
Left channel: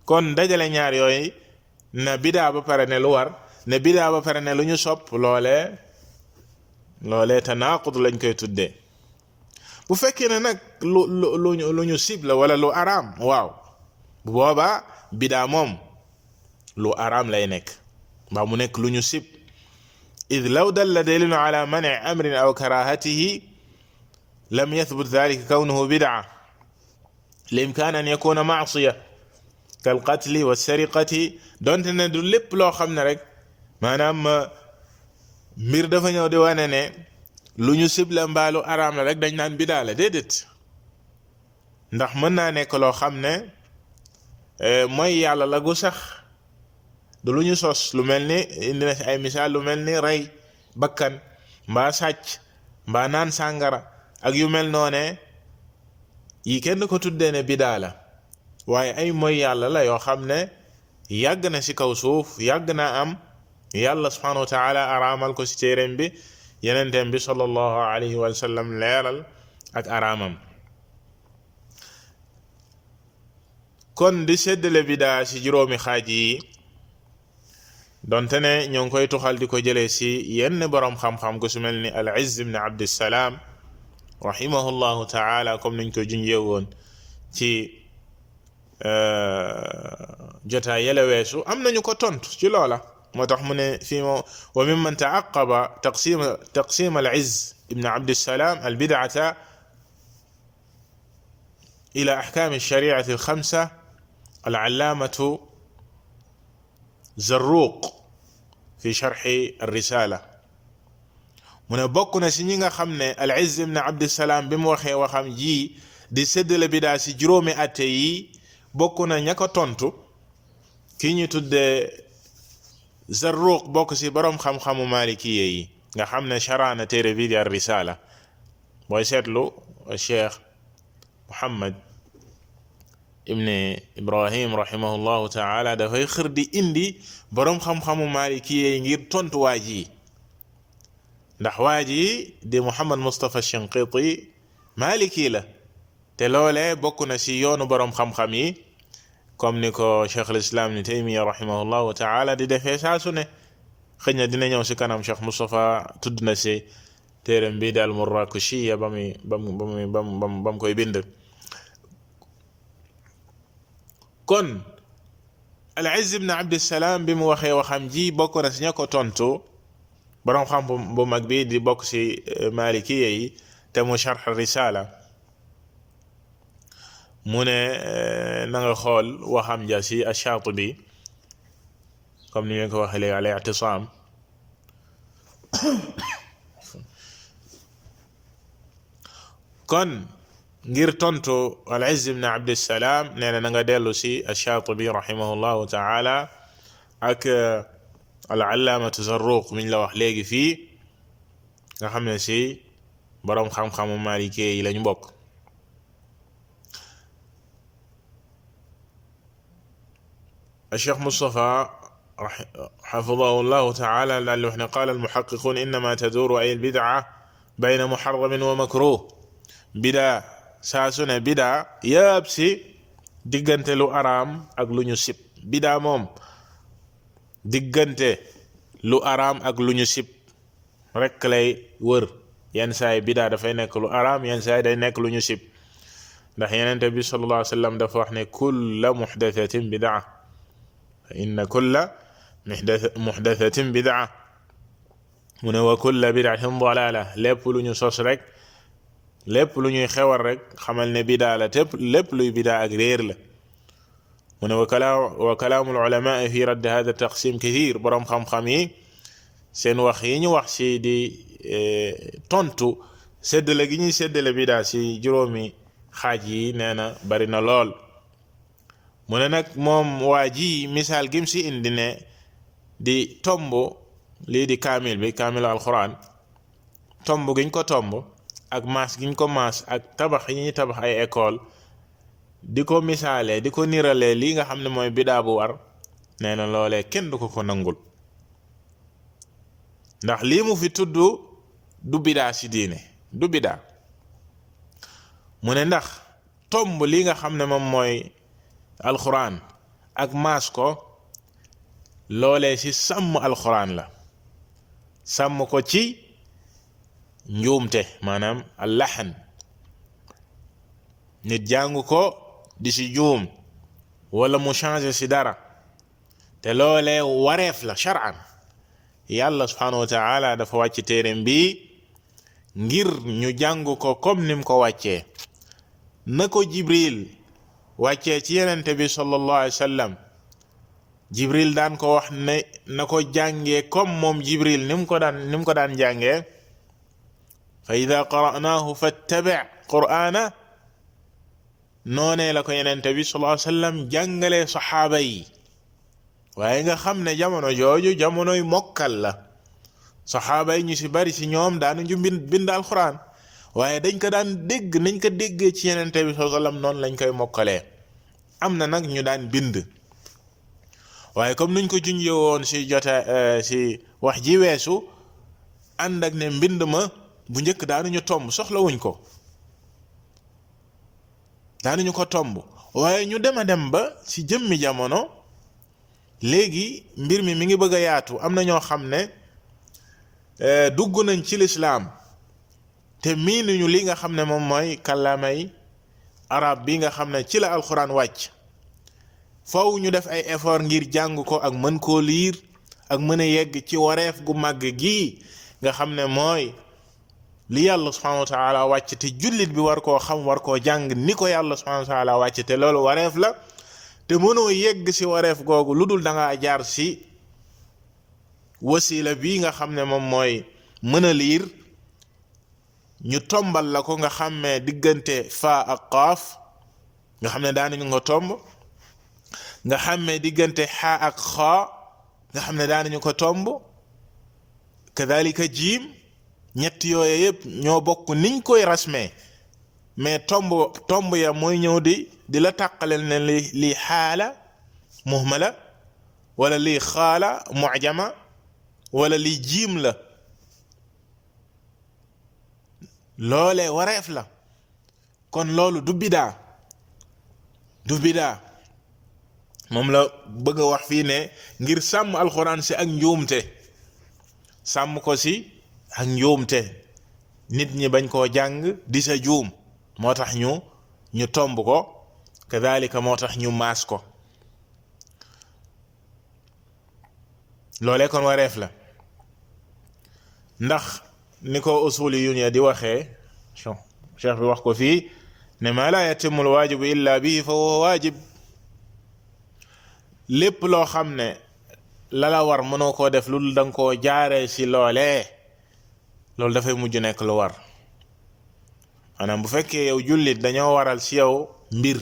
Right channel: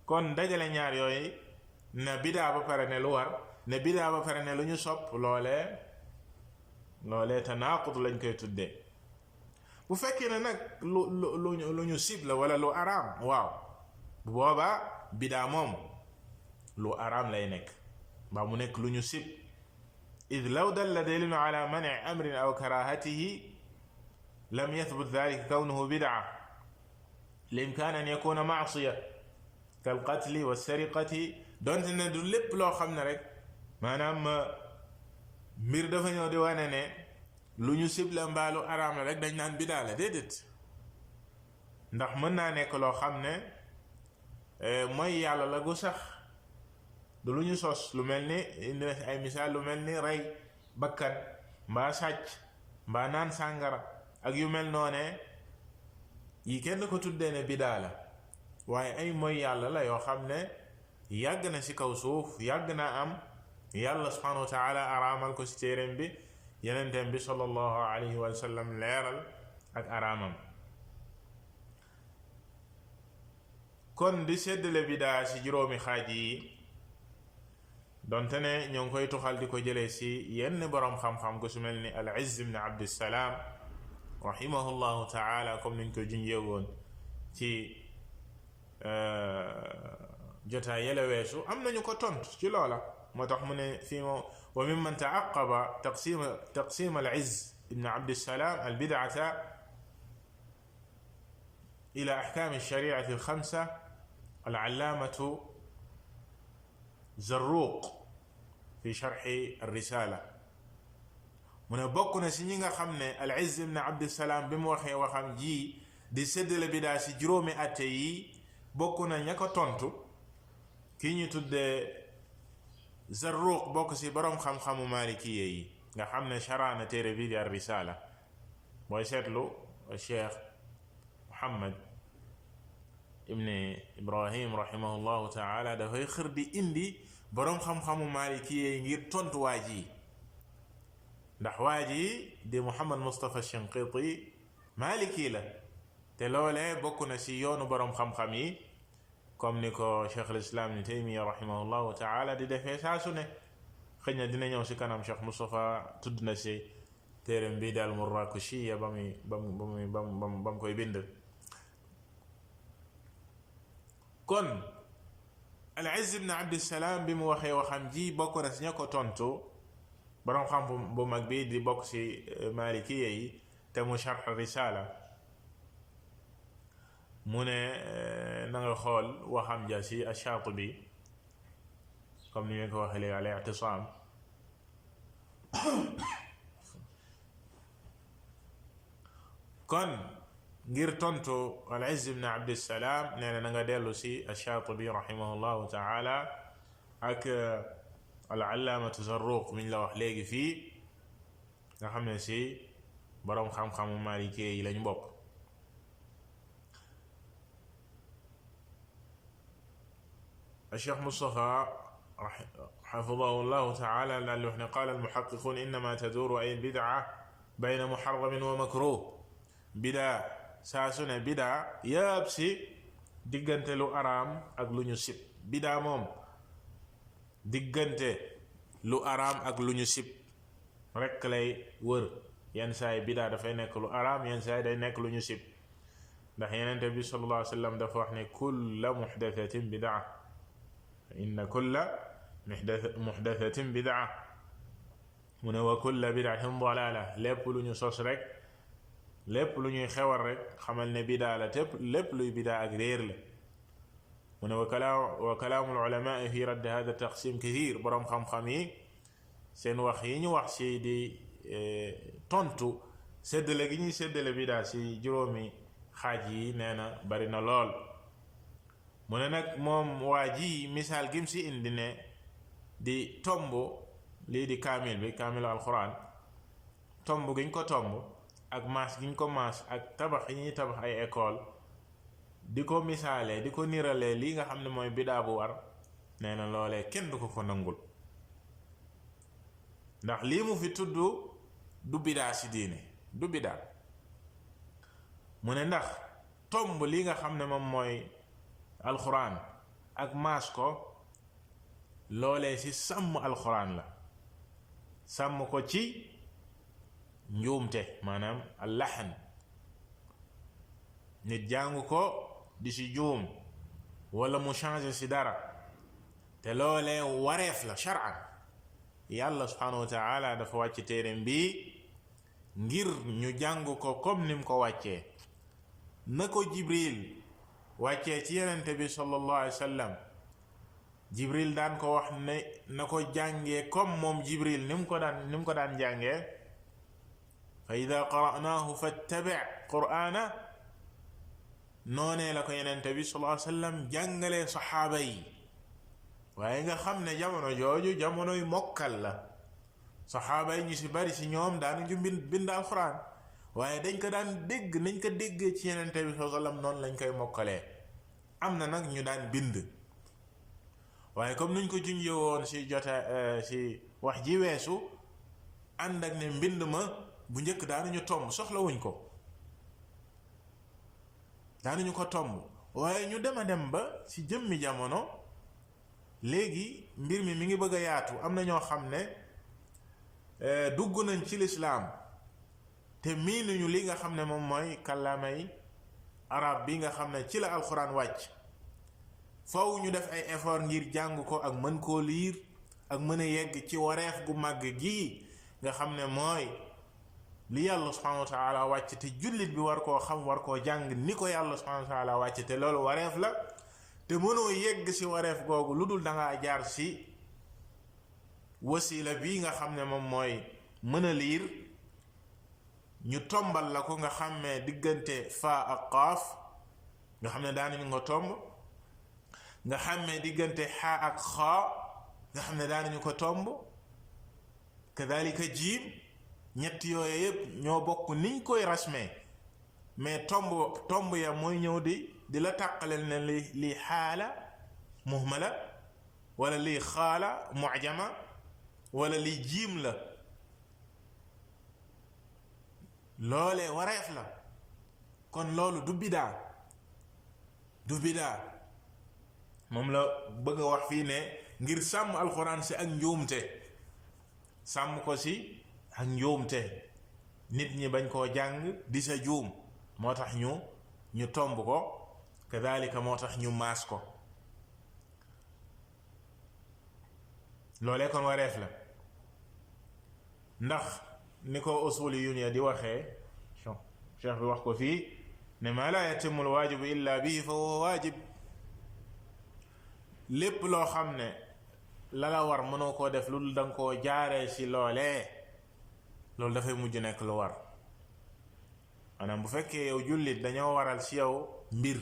kon dajale ñaar yooyu na bidaa ba pare ne lu war ne bidaa ba pare ne lu ñu sopp loolee tanaaqud lañ koy tuddee bu fekkee ne nag lu ñu sib la wala lu araam waaw bu boobaa bidaa moom lu araam lay nekk mbaa mu nekk lu ñu sib id law dalla dalilun ala mani amrin aw karahatihi lam yathbut dhalika kawnuhu bid'a limkaan an yakuna ma'siya kal qatli wa sariqati donte ne du lépp loo xam ne rek maanaam mbir dafa ñëw di wane ne lu ñu sib la mbaa lu araam la rek dañ naan bidaa la déedéet ndax mën naa nekk loo xam ne mooy yàlla la gu sax du lu ñu sos lu mel ni indi na ci ay misaal lu mel ni rey bakkan mbaa sàcc mbaa naan sàngara ak yu mel noone yi kenn ko tuddee ne bidaa la waaye ay mooy yàlla la yoo xam ne yàgg na ci kaw suuf yàgg naa am yàlla subhanahu wa ta'ala araamal ko ci téereem bi yenenteem bi sallallahu alayhi wa sallam leeral ak araamam kon di séddale bidaa ci juróomi xaaj yi donte ne ñoo ngi koy tuxal di ko jëlee ci yenn boroom xam-xam ku su mel ni al-Izz ibn Abdissalaam rahimahullahu ta'ala comme niñ ko junjee woon ci jotaay yele weesu am nañu ko tontu ci loola moo tax mu ne fii mo wa mimman taaqaba taqsim al izz ibn abdissalaam al bid'ata ila ahkam alshariati alxamsa al allaamatu zarruq fi sharxi alrisala mu ne bokk na si ñi nga xam ne al izz ibn abdissalaam bi mu waxee waxam ji di séddale bidaa si juróomi atte yi bokk na ña ko tontu ki ñu tuddee Zarruq bokk si boroom xam-xamu malikiye yi nga xam ne sharaana téere bi di ar risala booy seetlu cheikh Muhammad ibn Ibrahim rahimahullahu taala dafay xër di indi boroom xam-xamu malikiye yi ngir tontu waa ji ndax waa ji di Muhammad Mustafa Shinqiti maliki la te loolee bokk na si yoonu boroom xam-xam yi comme ni ko cheikh al islam ni Taymiya rahimahullahu taala di defee saa su ne xëy na dina ñëw si kanam cheikh Mustafa tudd na si téeram bii daal Murrakushiya bam koy bind. kon al Izz ibn Abdissalaam bi mu waxee waxam ji bokk na si ña ko tontu boroom xam bu mag bi di bokk si malikiya yi te mu sharh risala mu ne na nga xool waxam ja si ash-Shaatibi comme ni ñu ko waxee léegi al-i'tisaam kon ngir tontu al-Izz ibn Abdissalaam nee na nga dellu si ash-Shaatibi rahimahullahu taala ak al-allaamatu Zarruq mi ñu la wax léegi fii nga xam ne si boroom xam-xamu Maalikee yi lañu bokk. الشيخ مصطفى حفظه الله تعالى لأنه قال المحققون إنما تدور أي البدعة بين محرم ومكروه بدعة ساسنا بدعة يابسي ديغنت لو أرام أك لو ñu sib بدعة moom diggante lu araam ak lu ñu sib rekk lay wër yenn saay bidaa dafay nekk lu araam yenn saay day nekk lu ñu sib ndax Yonent bi sallallahu alayhi wa sallam dafa wax ne kulla muhdathatin bidaa inna kulla muhdathatin bidaa mu ne wa kulla bidaatin dalaala lépp lu ñu sos rek lépp lu ñuy xewal rek xamal ne bidaa la te lépp luy bidaa ak réer la mu ne wa kalaamul ulamaa fi radd hada taqsim kathir boroom xam-xam yi seen wax yi ñu wax si di tontu séddale gi ñuy séddale bidaa si juróomi xaaj yi nee na bari na lool mu ne nag moom waa ji misaal gim si indi ne di tomb lii di kaamil bi kaamilu alquran tomb giñ ko tomb ak maas giñ ko maas ak tabax yi ñuy tabax ay école di ko misaalee di ko niralee lii nga xam ne mooy bidaa bu war nee na loolee kenn du ko nangul ndax lii mu fi tudd du bidaa si diine du bidaa mu ne ndax tomb lii nga xam ne moom mooy alxuraan ak maas ko loolee ci sàmm alxuraan la sàmm ko ci njuumte maanaam allaxan nit jàng ko di ci juum wala mu changer ci dara te loolee wareef la shar'an yàlla subhanahu wa ta'ala dafa wàcc téereem bi ngir ñu jàng ko comme nim ko wàccee na ko Jibril wàccee ci yenente bi sallallahu alayhi wa sallam Jibril daan ko wax ne na ko jàngee comme moom Jibril ni mu ko daan jàngee fa ida qara'naahu fattabi' qur'ana noonee la ko yenente bi sallallahu alayhi wa sallam jàngalee saxaaba yi waaye nga xam ne jamono jooju jamonoy mokkal la saxaaba yi ñu ci bari ci ñoom daanuñu bind alquran waaye dañ ko daan dégg nañ ko déggee ci yenente bi sallallahu alayhi wa sallam noonu lañ koy mokkalee am na nag ñu daan bind waaye comme nuñ ko junjee woon ci ci wax ji weesu ànd ak ne mbind ma bu njëkk daanuñu tomb soxlawuñ ko daanuñu ko tomb waaye ñu dem a dem ba ci jëmmi jamono léegi mbir mi ngi bëgg a yaatu am na ñoo xam ne dugg nañ ci lislaam te miinuñu li nga xam ne moom mooy kàllaamay arab bi nga xam ne ci la alxuraan wàcc faw ñu def ay effort ngir jàng ko ak mën koo liir ak mën a yegg ci wareef gu màgg gii nga xam ne mooy li yàlla subhanahu wa taala wàcc te jullit bi war koo xam war koo jàng ni ko yàlla subhanahu wa taala wàcc te loolu wareef la te mënoo yegg si wareef googu lu dul da ngaa jaar si wasila bii nga xam ne moom mooy mën a liir ñu tombal la ko nga xàmmee diggante faa ak qaaf nga xam ne daanañu ko tomb nga xàmmee diggante xaa ak xaa nga xam ne daanañu ko tomb kadalika jiim ñett yooye yëpp ñoo bokk niñ koy rasmee mais tomb ya mooy ñëw di la tàqaleel ne lii xaala muhmala wala lii xaala mu'jama wala lii jiim la loolee wareef la kon loolu du bidaa moom la bëgg a wax fii ne ngir sàmm alxuraan si ak njuumte sàmm ko si ak njuumte nit ñi bañ koo jàng di sa juum moo tax ñu tomb ko kadalika moo tax ñu maas ko loolee kon wareef la ndax ni ko usuli yu di waxee cheikh bi wax ko fii ne ma la yatimul waajibu illa bihi fa huwa waajib lépp loo xam ne la la war mënoo koo def lu danga koo jaaree si loolee loolu dafay mujj nekk lu war maanaam bu fekkee yow jullit dañoo waral si yow mbir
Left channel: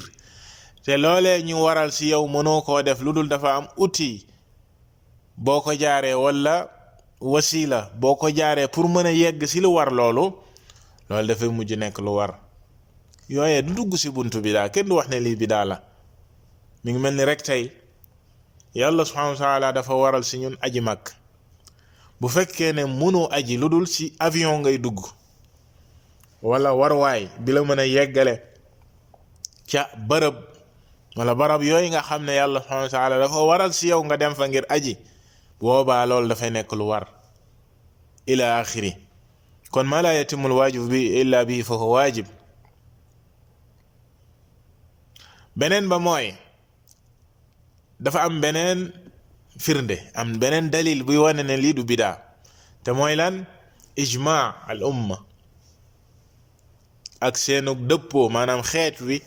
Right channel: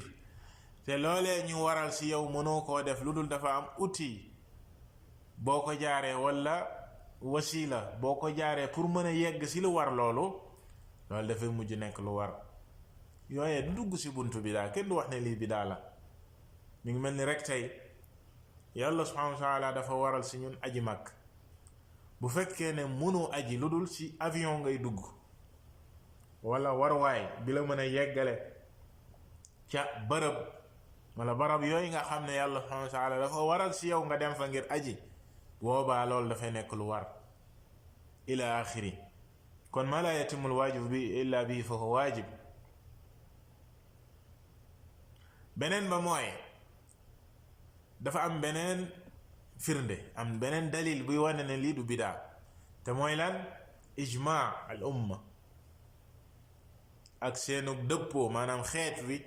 te loolee ñu waral si yow mënoo koo def lu dul dafa am outil boo ko jaaree walla wasila boo ko jaaree pour mën a yegg si lu war loolu dafay mujj nekk lu war yooyee du dugg si buntu bidaa kenn du wax ne lii bidaa la mi ngi mel ni rek tey yàlla subhanahu wa taala dafa waral si ñun aji mag bu fekkee ne mënoo aji lu dul si avion ngay dugg wala warwaay bi la mën a yeggale ca bërëb wala barab yooyu nga xam ne yàlla subhanahu wa taala dafa waral si yow nga dem fa ngir aji boobaa loolu dafay nekk lu war ila axiri kon ma la yatimul waajib bi illa bi fa huwa waajib beneen ba mooy dafa am beneen firnde am beneen dalil buy wane ne lii du bidaa te mooy lan ijmaa al umma ak seenu dëppoo maanaam xeet wi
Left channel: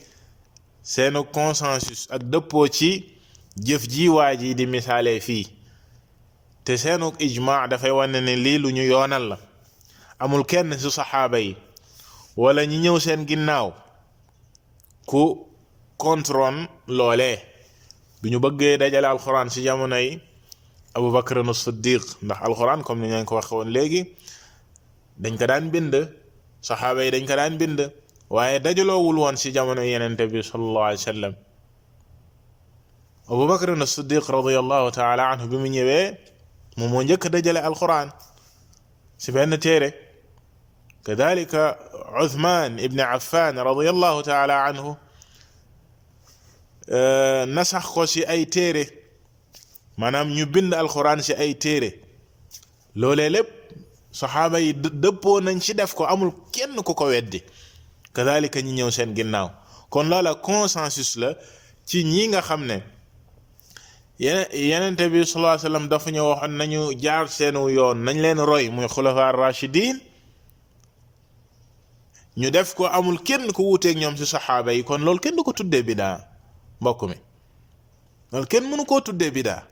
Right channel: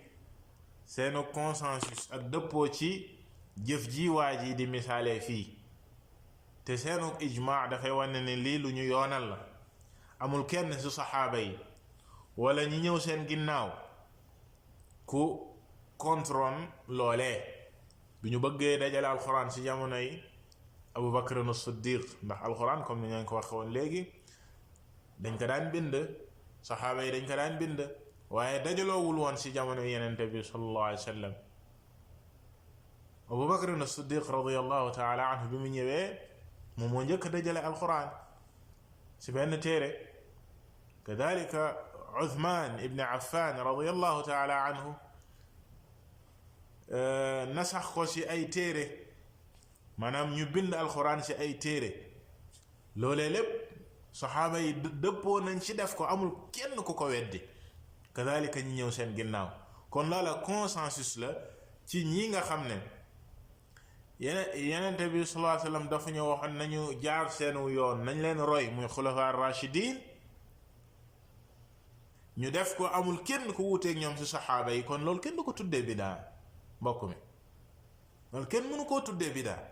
seenu consensus ak dëppoo ci jëf ji waa ji di misaalee fii te seenu ijmaa dafay wane ne lii lu ñu yoonal la amul kenn ci saxaaba yi wala ñi ñëw seen ginnaaw ku contrôle loolee bi ñu bëggee dajale alxuraan ci jamono yi Abu Bakr as-Siddiq ndax alxuraan comme ni ñu ko waxee woon léegi dañ ko daan bind saxaaba yi dañ ko daan bind waaye dajaloowul woon ci jamono yenente bi sallallahu alayhi wa sallam Abu Bakr as-Siddiq radiyallahu taala anhu bi mu ñëwee moom moo njëkk dajale alxuraan ci benn téere kadalika Uthman ibn Affan radiyallahu taala anhu nasax ko ci ay téere maanaam ñu bind alxuraan ci ay téere loolee lépp saxaaba yi dëppoo nañ ci def ko amul kenn ku ko weddi kadalika ñi ñëw seen ginnaaw kon loola consensus la ci ñi nga xam ne yenente bi sallallahu alayhi wasallam dafa ñu waxoon nañu jaar seenu yoon nañ leen roy muy xulafa ar-rashidin ñu def ko amul kenn ku wuuteeg ñoom ci saxaaba yi kon loolu kenn du ko tuddee bidaa mbokk mi loolu kenn mënu koo tuddee bidaa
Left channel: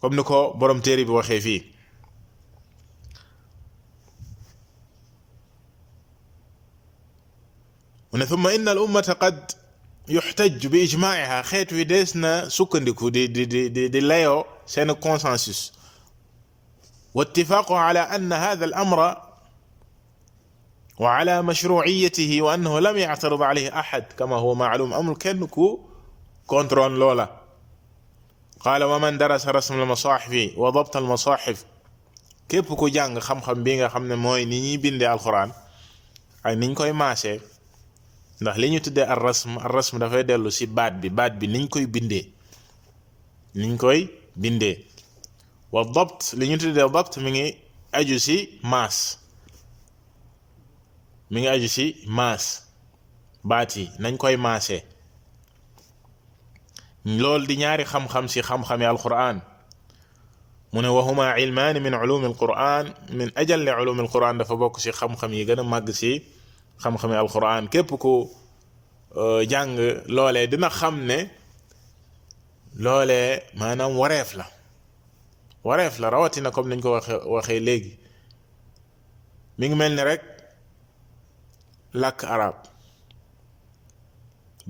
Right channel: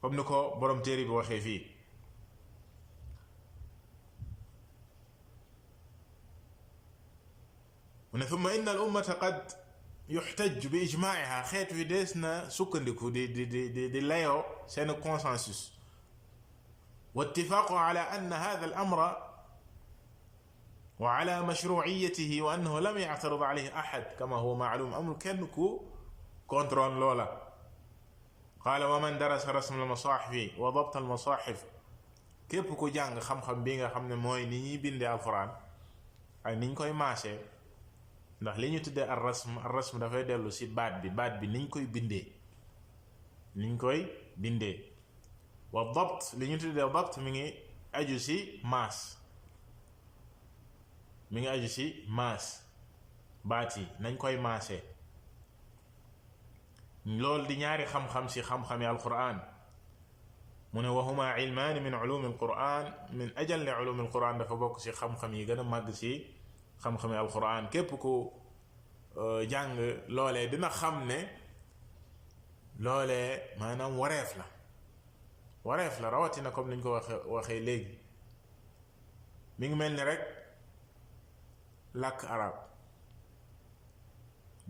comme ni ko borom téere bi waxee fii mu ne thumma inna al ummata qad yuxtaj bi ijmaiha xeet wi dees na sukkandiku di layoo seen consensus wa ittifaqu ala anna hadha al amra wa ala mashru'iyatihi wa annahu lam ya'tarid alayhi ahad kama huwa ma'lum amul kenn ku contrôle loola qaala wa man darasa rasm al masahif wa dabt al masahif képp ku jàng xam-xam bi nga xam ne mooy ni ñuy bindee alquran ak niñ koy maasee ndax li ñu tuddee ar rasm dafay dellu ci baat bi niñ koy bindee wa dabt li ñu tuddee dabt mi ngi aju ci maas baat yi nañ koy maase loolu di ñaari xam-xam si xam-xami alquran mu ne wa huma ilmaani min ulumi alquran min ajalli ulumi alquran dafa bokk si xam-xam yi gën a màgg si xam-xami alquran képp ku jàng loolee dina xam ne loolee maanaam wareef la rawatina comme niñ ko waxee léegi mi ngi mel ni rek làkk arab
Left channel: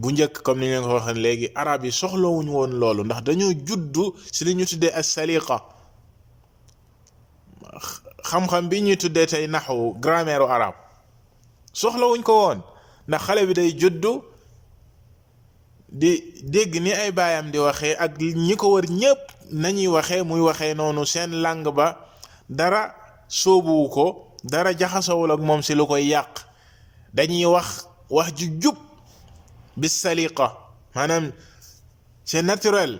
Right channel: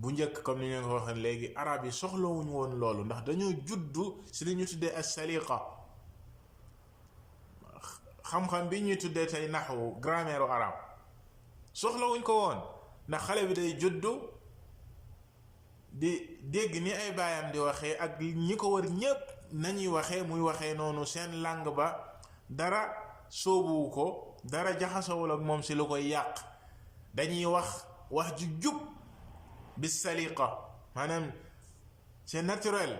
bu njëkk comme ni ñu ko waxee léegi arab yi soxlawuñu woon loolu ndax dañoo juddu si li ñu tuddee as-saliqa xam-xam bi ñuy tuddee tey naxwu grammaire u arab soxlawuñ ko woon ndax xale bi day juddu di dégg ni ay baayam di waxee ak ñi ko wër ñépp nañuy waxee muy waxee noonu seen langue ba dara sóobuwu ko dara jaxasawul ak moom si lu koy yàq dañuy wax ju jub bis saliqa maanaam c'est naturel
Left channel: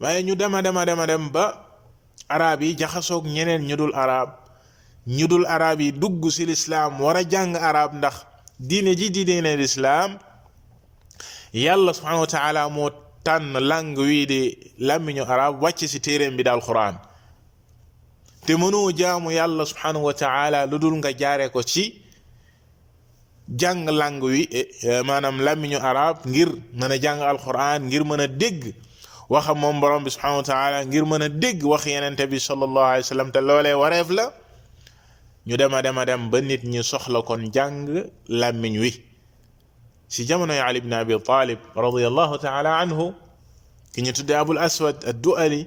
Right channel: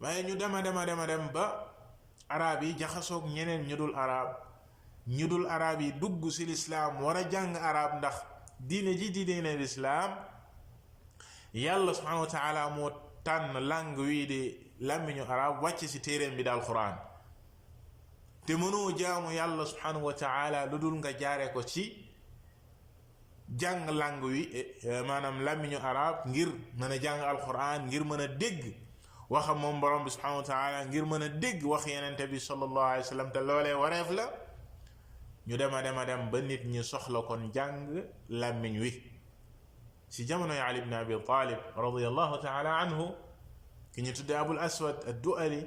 waaye ñu dema dem ba arab yi jaxasoog ñeneen ñu dul arab yi dugg si lislaam war a jàng arab ndax diine ji di diine lislaam yàlla subhanahu wa taala moo tànn langue wii di làmmiñu arab wàcc si téeréem bi daal quran te mënoo jaamu yàlla subhanahu wa taala lu dul nga jaare ko ci jàng langue wi maanaam làmmiñu arab ngir mën a jàng alquran ngir mën a dégg waxam moom borom bi subhanahu wa taala ngir mën a dégg wax yenente bi sallallahu alayhi wa sallam te loolee wareef la ñu dem ba nit ñi soxla kon jàng làmmiñ wi si jamonoy Ali ibn Abi Talib radiyallahu taala anhu ki ñu tuddee Abul Aswad ad-Du'ali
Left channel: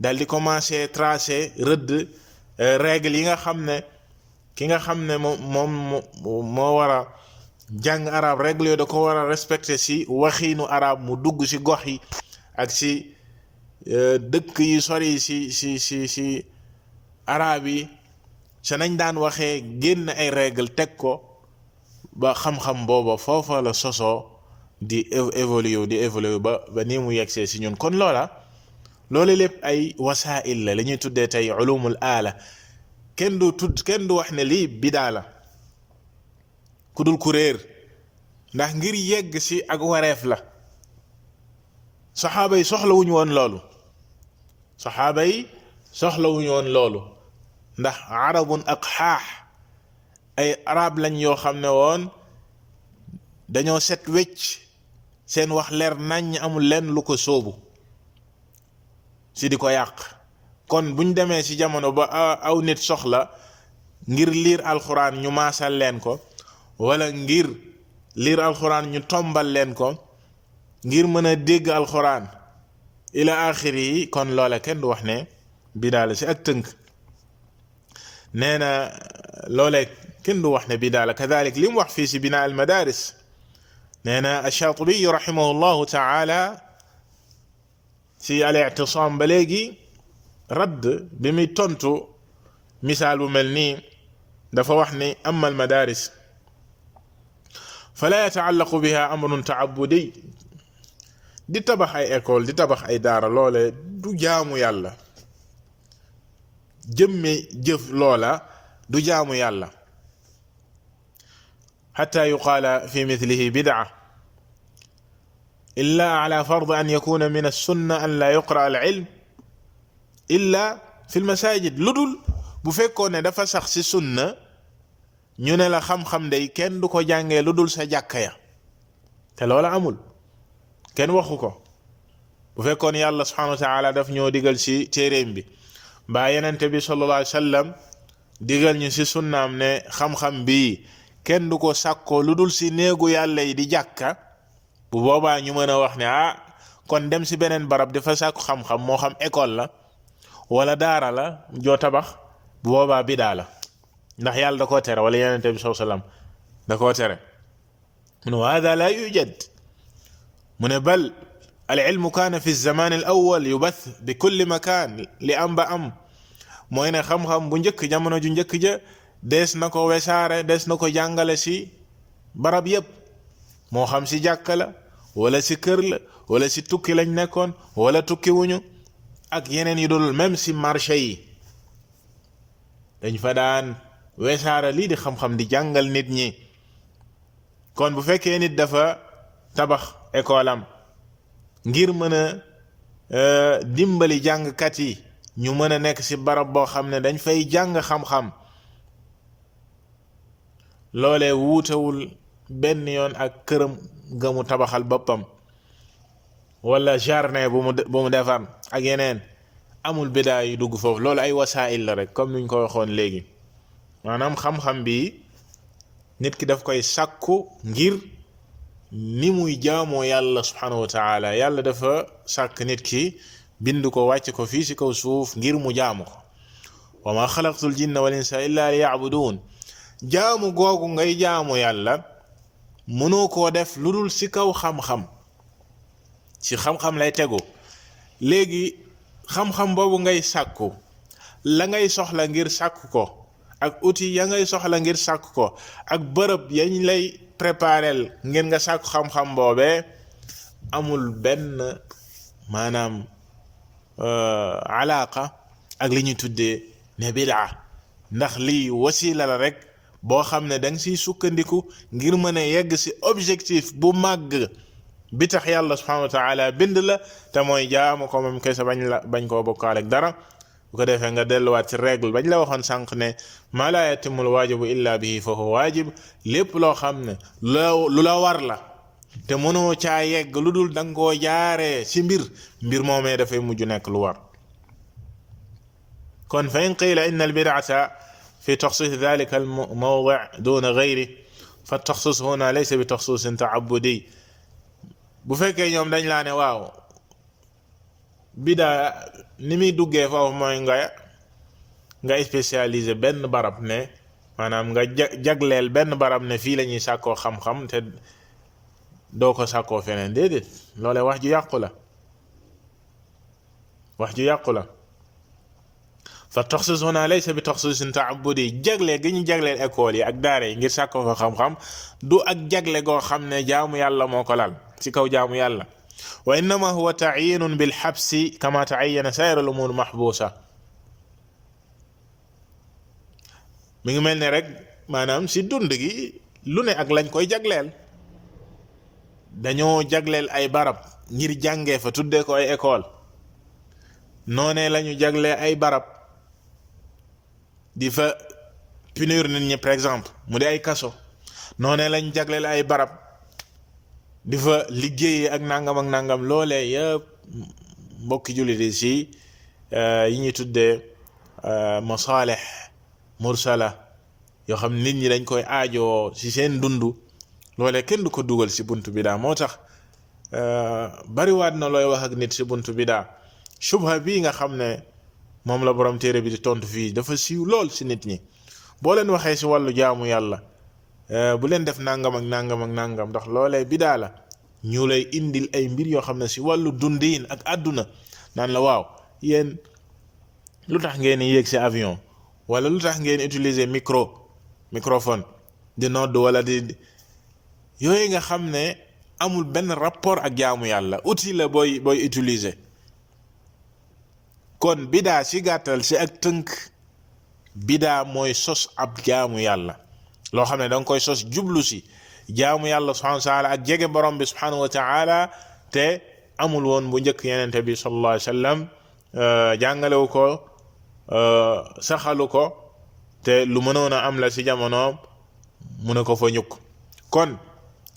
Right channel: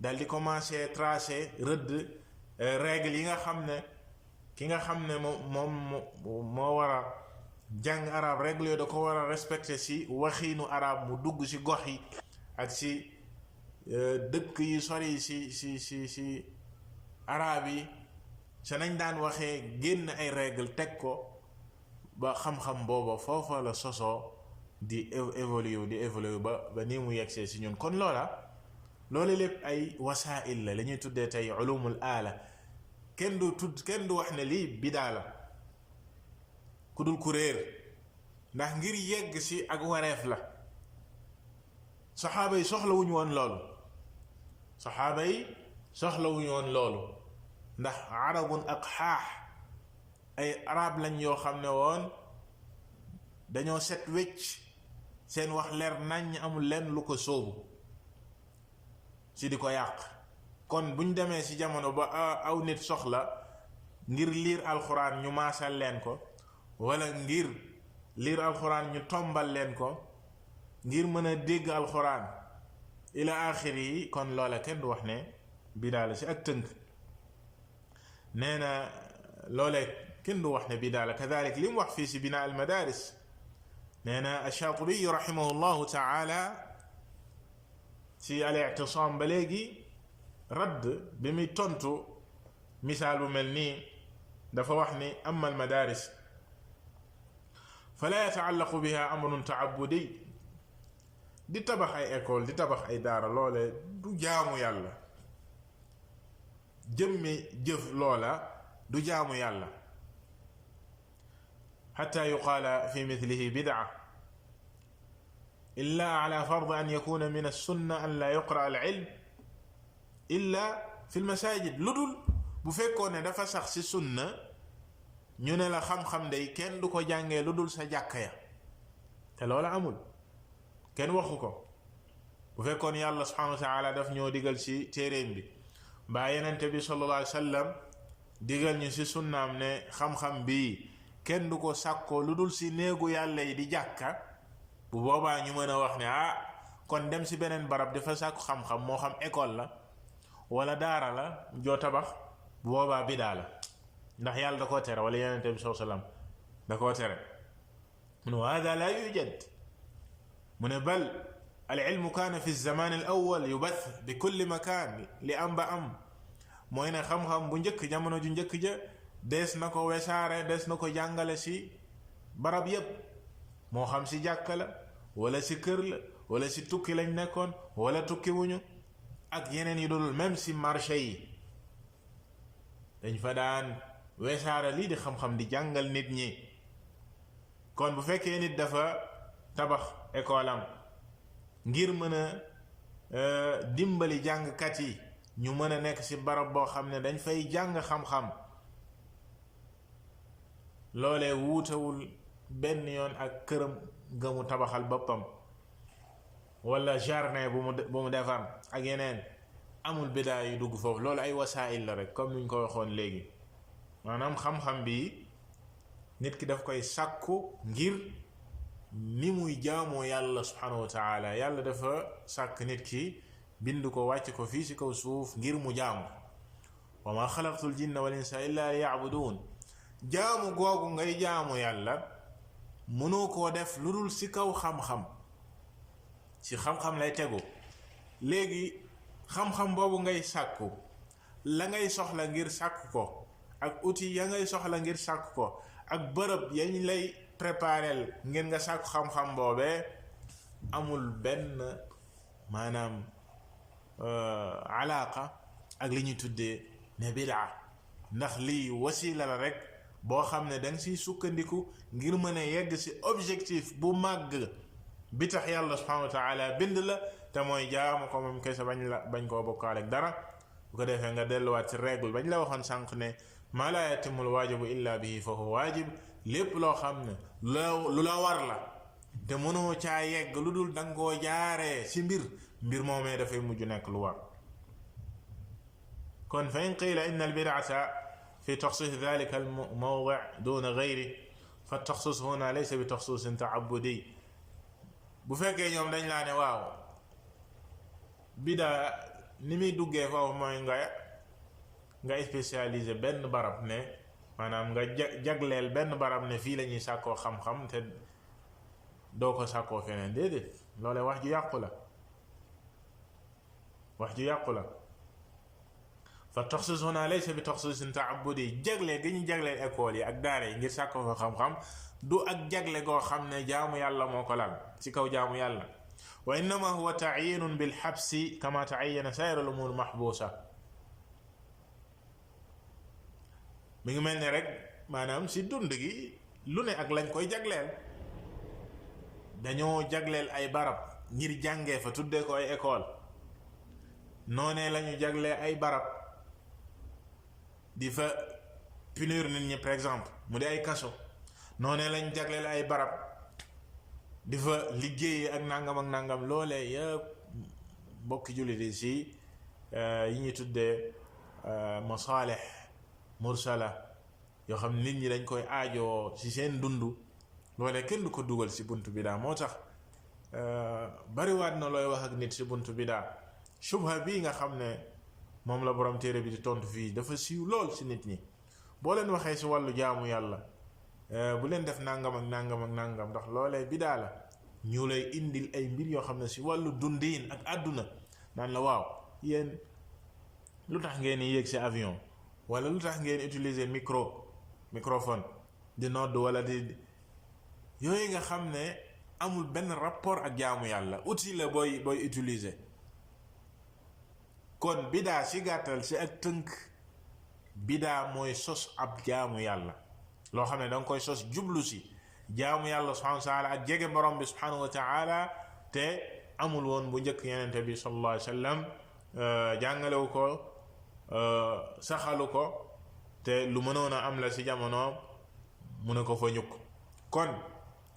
dal di commencé tracé rëdd règle yi nga xam ne ki nga xam ne moom moo war a jàng arab règle yooyu da ko war a respecté si waxiinu arab mu dugg si gox yi ak si dëkk yi sori si arab yi sa nañ daan waxee génn ay règle teg ko ba xam-xam booba foofa la sosoo di évoluer ba nii mu yegsee si ñun kon loolu lépp ay wasaa'il la ñuy tuddee tey ulumul aala kenn du wax ne lii bidaa la ku dul ku réer ndax ngir yegg si ak wareef la saxaaba yi soxlawuñu woon loolu ndax arabun aqxaax ay arab lañ yoo xam ne woon dañoo set wecc seen wax leer nañ amul lenn lu ko sóobu si di ko yàq kon buñ demee si jamono ba aw nit soxla ngir liir alxuraan ñu maasal leen ko wala ngir liir alxuraan ñu tombal leen ko ngir mën a dégg alxuraan ila axiri yi kon loola kenn du wax ne bidaa la si ak tënk nee na loolee kenn du wax ne bidaa la kadalik li mu wax fii si binaa al madaris nee na ash-Shaatibi rahimahullahu taala si al-i'tisaam ba léegi radd bi muy tontu misaal bu mel nii dafa wax ni amma al madaris fala yataallaqu biha amrun taabudi di tabax ay école di tabax ay daara loole du jaamu yàlla jëmme jëf loola du jaamu yàlla xatta yuqaala fi mithlihi bid'a illa ala fard an yakuna min as-sunna an la yuqra al-ilm illa fi al-masajid lu dul bu fekkoon ne dafa sax ci sunna ñu ne la xam-xam day kenn du ko jàngee lu dul sa jàkka ya te loola amul kenn waxu ko bu fekkoon yàlla subhanahu wa ta'ala daf ñoo digal ci téeréem bi mbaa yenente bi sallallahu alayhi wa sallam digal ñu ci sunnaam ne xam-xam bii kenn du ko sàkkoo lu dul ci néegu yàlla yi di jàkka bu boobaa ñu mën a wax ne kon dem ci beneen barab dafa sàkku xam-xam moo xam école la wala daara la joo tabax bu boobaa bidaa la ndax yàlla da koo tere wala yenente bi sallallahu alayhi wa sallam da koo tere mu ne wa hada la yujad mu ne bal al ilmu kaana fi zaman al awwal yubath bi kulli makan li am ba am mooy ne xam-xam bu njëkk jamono ju njëkk ja dees na ko wesaare dees na ko jàngale si barab yépp moo xam si jàkka la wala si kër la wala si tukki lañ nekkoon wala tukki wuñu ak yeneen yi dul même si marché yi dañ fa daan wesaare lii di xam-xam di jàngal nit ñi kon bu fekkee nit dafa tabax école am ngir mën a dimbali jàngkat yi ñu mën a nekk ci barab boo xam ne dañ fay jàng xam-xam, loolee wuutewul benn yoon ak këram ga mu tabaxal boppam wala jardin bu mu defar ak yeneen. amul bidaa yu dugg foofu, loolu ay wasaa'il la rek comme niñ ko waxoon léegi. maanaam xam-xam bi nit ki daf koy sàkku ngir ni muy jaamoo yàlla subhanahu wa taala. yàlla dafa sàkk nit ki bind ko wàcc ko fii ci kaw suuf ngir mu jaamu ko. wa ma xalaqtul jinna wal insa illa liya'budun. jaamu googu ngay jaamu yàlla mënoo koo def lu dul ci kaw xam-xam, ci xam-xam lay tegu. léegi xam-xam boobu ngay sàkku, la ngay soxla ngir sàkku ko ak outil ya ngay soxla ngir sàkku ko ak bërëb yañ lay préparel ngir nga sàkku xam-xam boobee amul benn maanaam alaaka ak li ñuy tuddee ne bidaa, ndax lii wasila la rek boo xam ne danga siy sukkandiku ngir mën a yegg ci objectif bu màgg bi tax yàlla subhanahu wa taala bind la, te mooy jaamu ko moom kese bañ koo bokkaale ak dara. bu ko defee nga delluwaat ci règle bañ la waxoon sànq ne maa laa yatimul waajibu illa bihi fa huwa waajib. lépp loo xam ne lu la war la te mënoo caa yegg lu dul danga koo jaaree ci mbir moomee dafay mujj nekk lu war. kon fa in qiila inna al bid'ata fi taxsis dalika al mawdi' duna gayri fa taxsis huna laysa bi taxsisin ta'abbudi. bu fekkee ñoom dañ laa ne waaw bidaa ni muy duggee foofu mooy nga spécialisé benn barab ne maanaam nga jagleel benn barab ne fii la ñuy sàkkoo xam-xam te doo ko sàkkoo feneen. déedéet, loolee wax ju yàqu la, wax ju yàqu la. fa taxsis huna laysa bi taxsisin ta'abbudi. jagleel gi ñu jagleel école yi ak daara yi ngir sàkkoo fa xam-xam du ak jagle goo xam ne jaamu yàlla moo ko lal ci kaw jaamu yàlla. wa innama huwa ta'yinun bil habsi kama ta'ayyana sayr al umur mahbusa. mi ngi mel ne rek maanaam ci dund gi lu ne ak lañ koy jagleel. dañoo jagleel ay barab ngir jàngee fa tuddee ko ay école, noonee lañu jaglee ay barab di fa punir nit ñi par exemple mu di ay kaso, noonee lañu jagleel ay barab di fa liggéeyee ak nangam. loolee yëpp mbokki jullit yi ci yi ñuy tuddee masaalih mursala yoo xam nit ñi dañ koy aajoo ci seen dund, loolee kenn du ko dugal ci buntu bidaa. moo tax bariwaat na looy wax ak nit ci buntu bidaa. shubha bii nga xam ne moom la borom téere bi di tontu fii dafa siiw lool ci nit ñi. boo leen waxee ci wàllu jaamu yàlla bu leen def nangam ak nangam ndax loolee bidaa la, ñu lay indil ay mbir yoo xam ne ci wàllu dundiin ak àdduna naan la waaw yéen lu tax ngeen yéeg ci avion, wala lu tax ngeen utiliser microphone di nodd wala di yooyu nga xam ne amul benn rapport ak jaamu yàlla, outil la booy utiliser. kon bidaa ci gàttal ci ak tënk, bidaa mooy sos ab jaamu yàlla loo xam ne danga koy sos jublu ci jaamu yàlla subhanahu wa taala ak jege borom bi subhanahu wa taala te amul woon bu njëkk yenente bi sallallahu alayhi wa sallam jàngalewu ko, saxalu ko, te lu mënoon a am la ci jamonoom mu ne ko fa ñukk. kon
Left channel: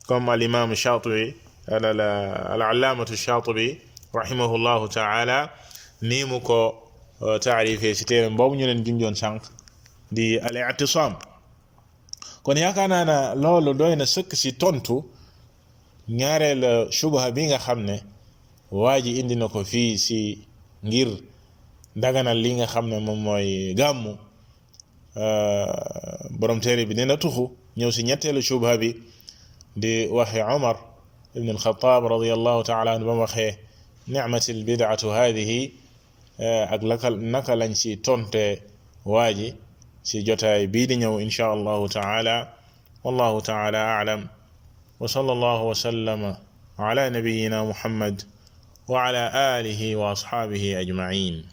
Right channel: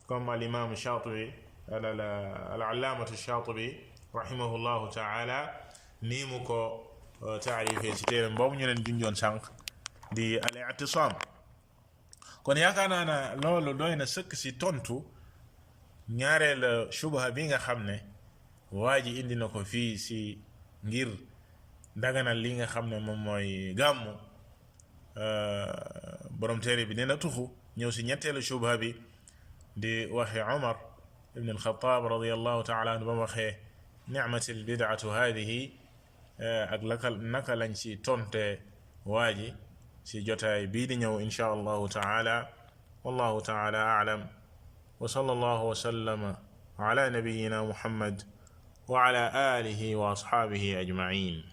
comme al imam Shaatibi al allaamatu Shaatibi rahimahullahu taala nii mu ko taarifee ci téeram boobu ñu leen ginjoon sànq di al i'tisaam. kon yaakaar naa ne loolu doy na sëkk ci tontu ñaareel shubha bi nga xam ne waa ji indi na ko fii ci ngir daganal li nga xam ne moom mooy gàmmu. borom téere bi dina tuxu ñëw ci ñetteelu shubha bi di waxe Umar ibn al-Khattab radiyallahu ta'ala anhu ba mu waxee ni'matil bid'atu hadhihi ak naka lañ ci tonte waa ji ci jotaay bii di ñëw insha allahu ta'ala. wallahu ta'ala a'lam wa sallallahu wa sallama ala nabiyyina Muhammad wa ala alihi wa ashabihi ajma'in.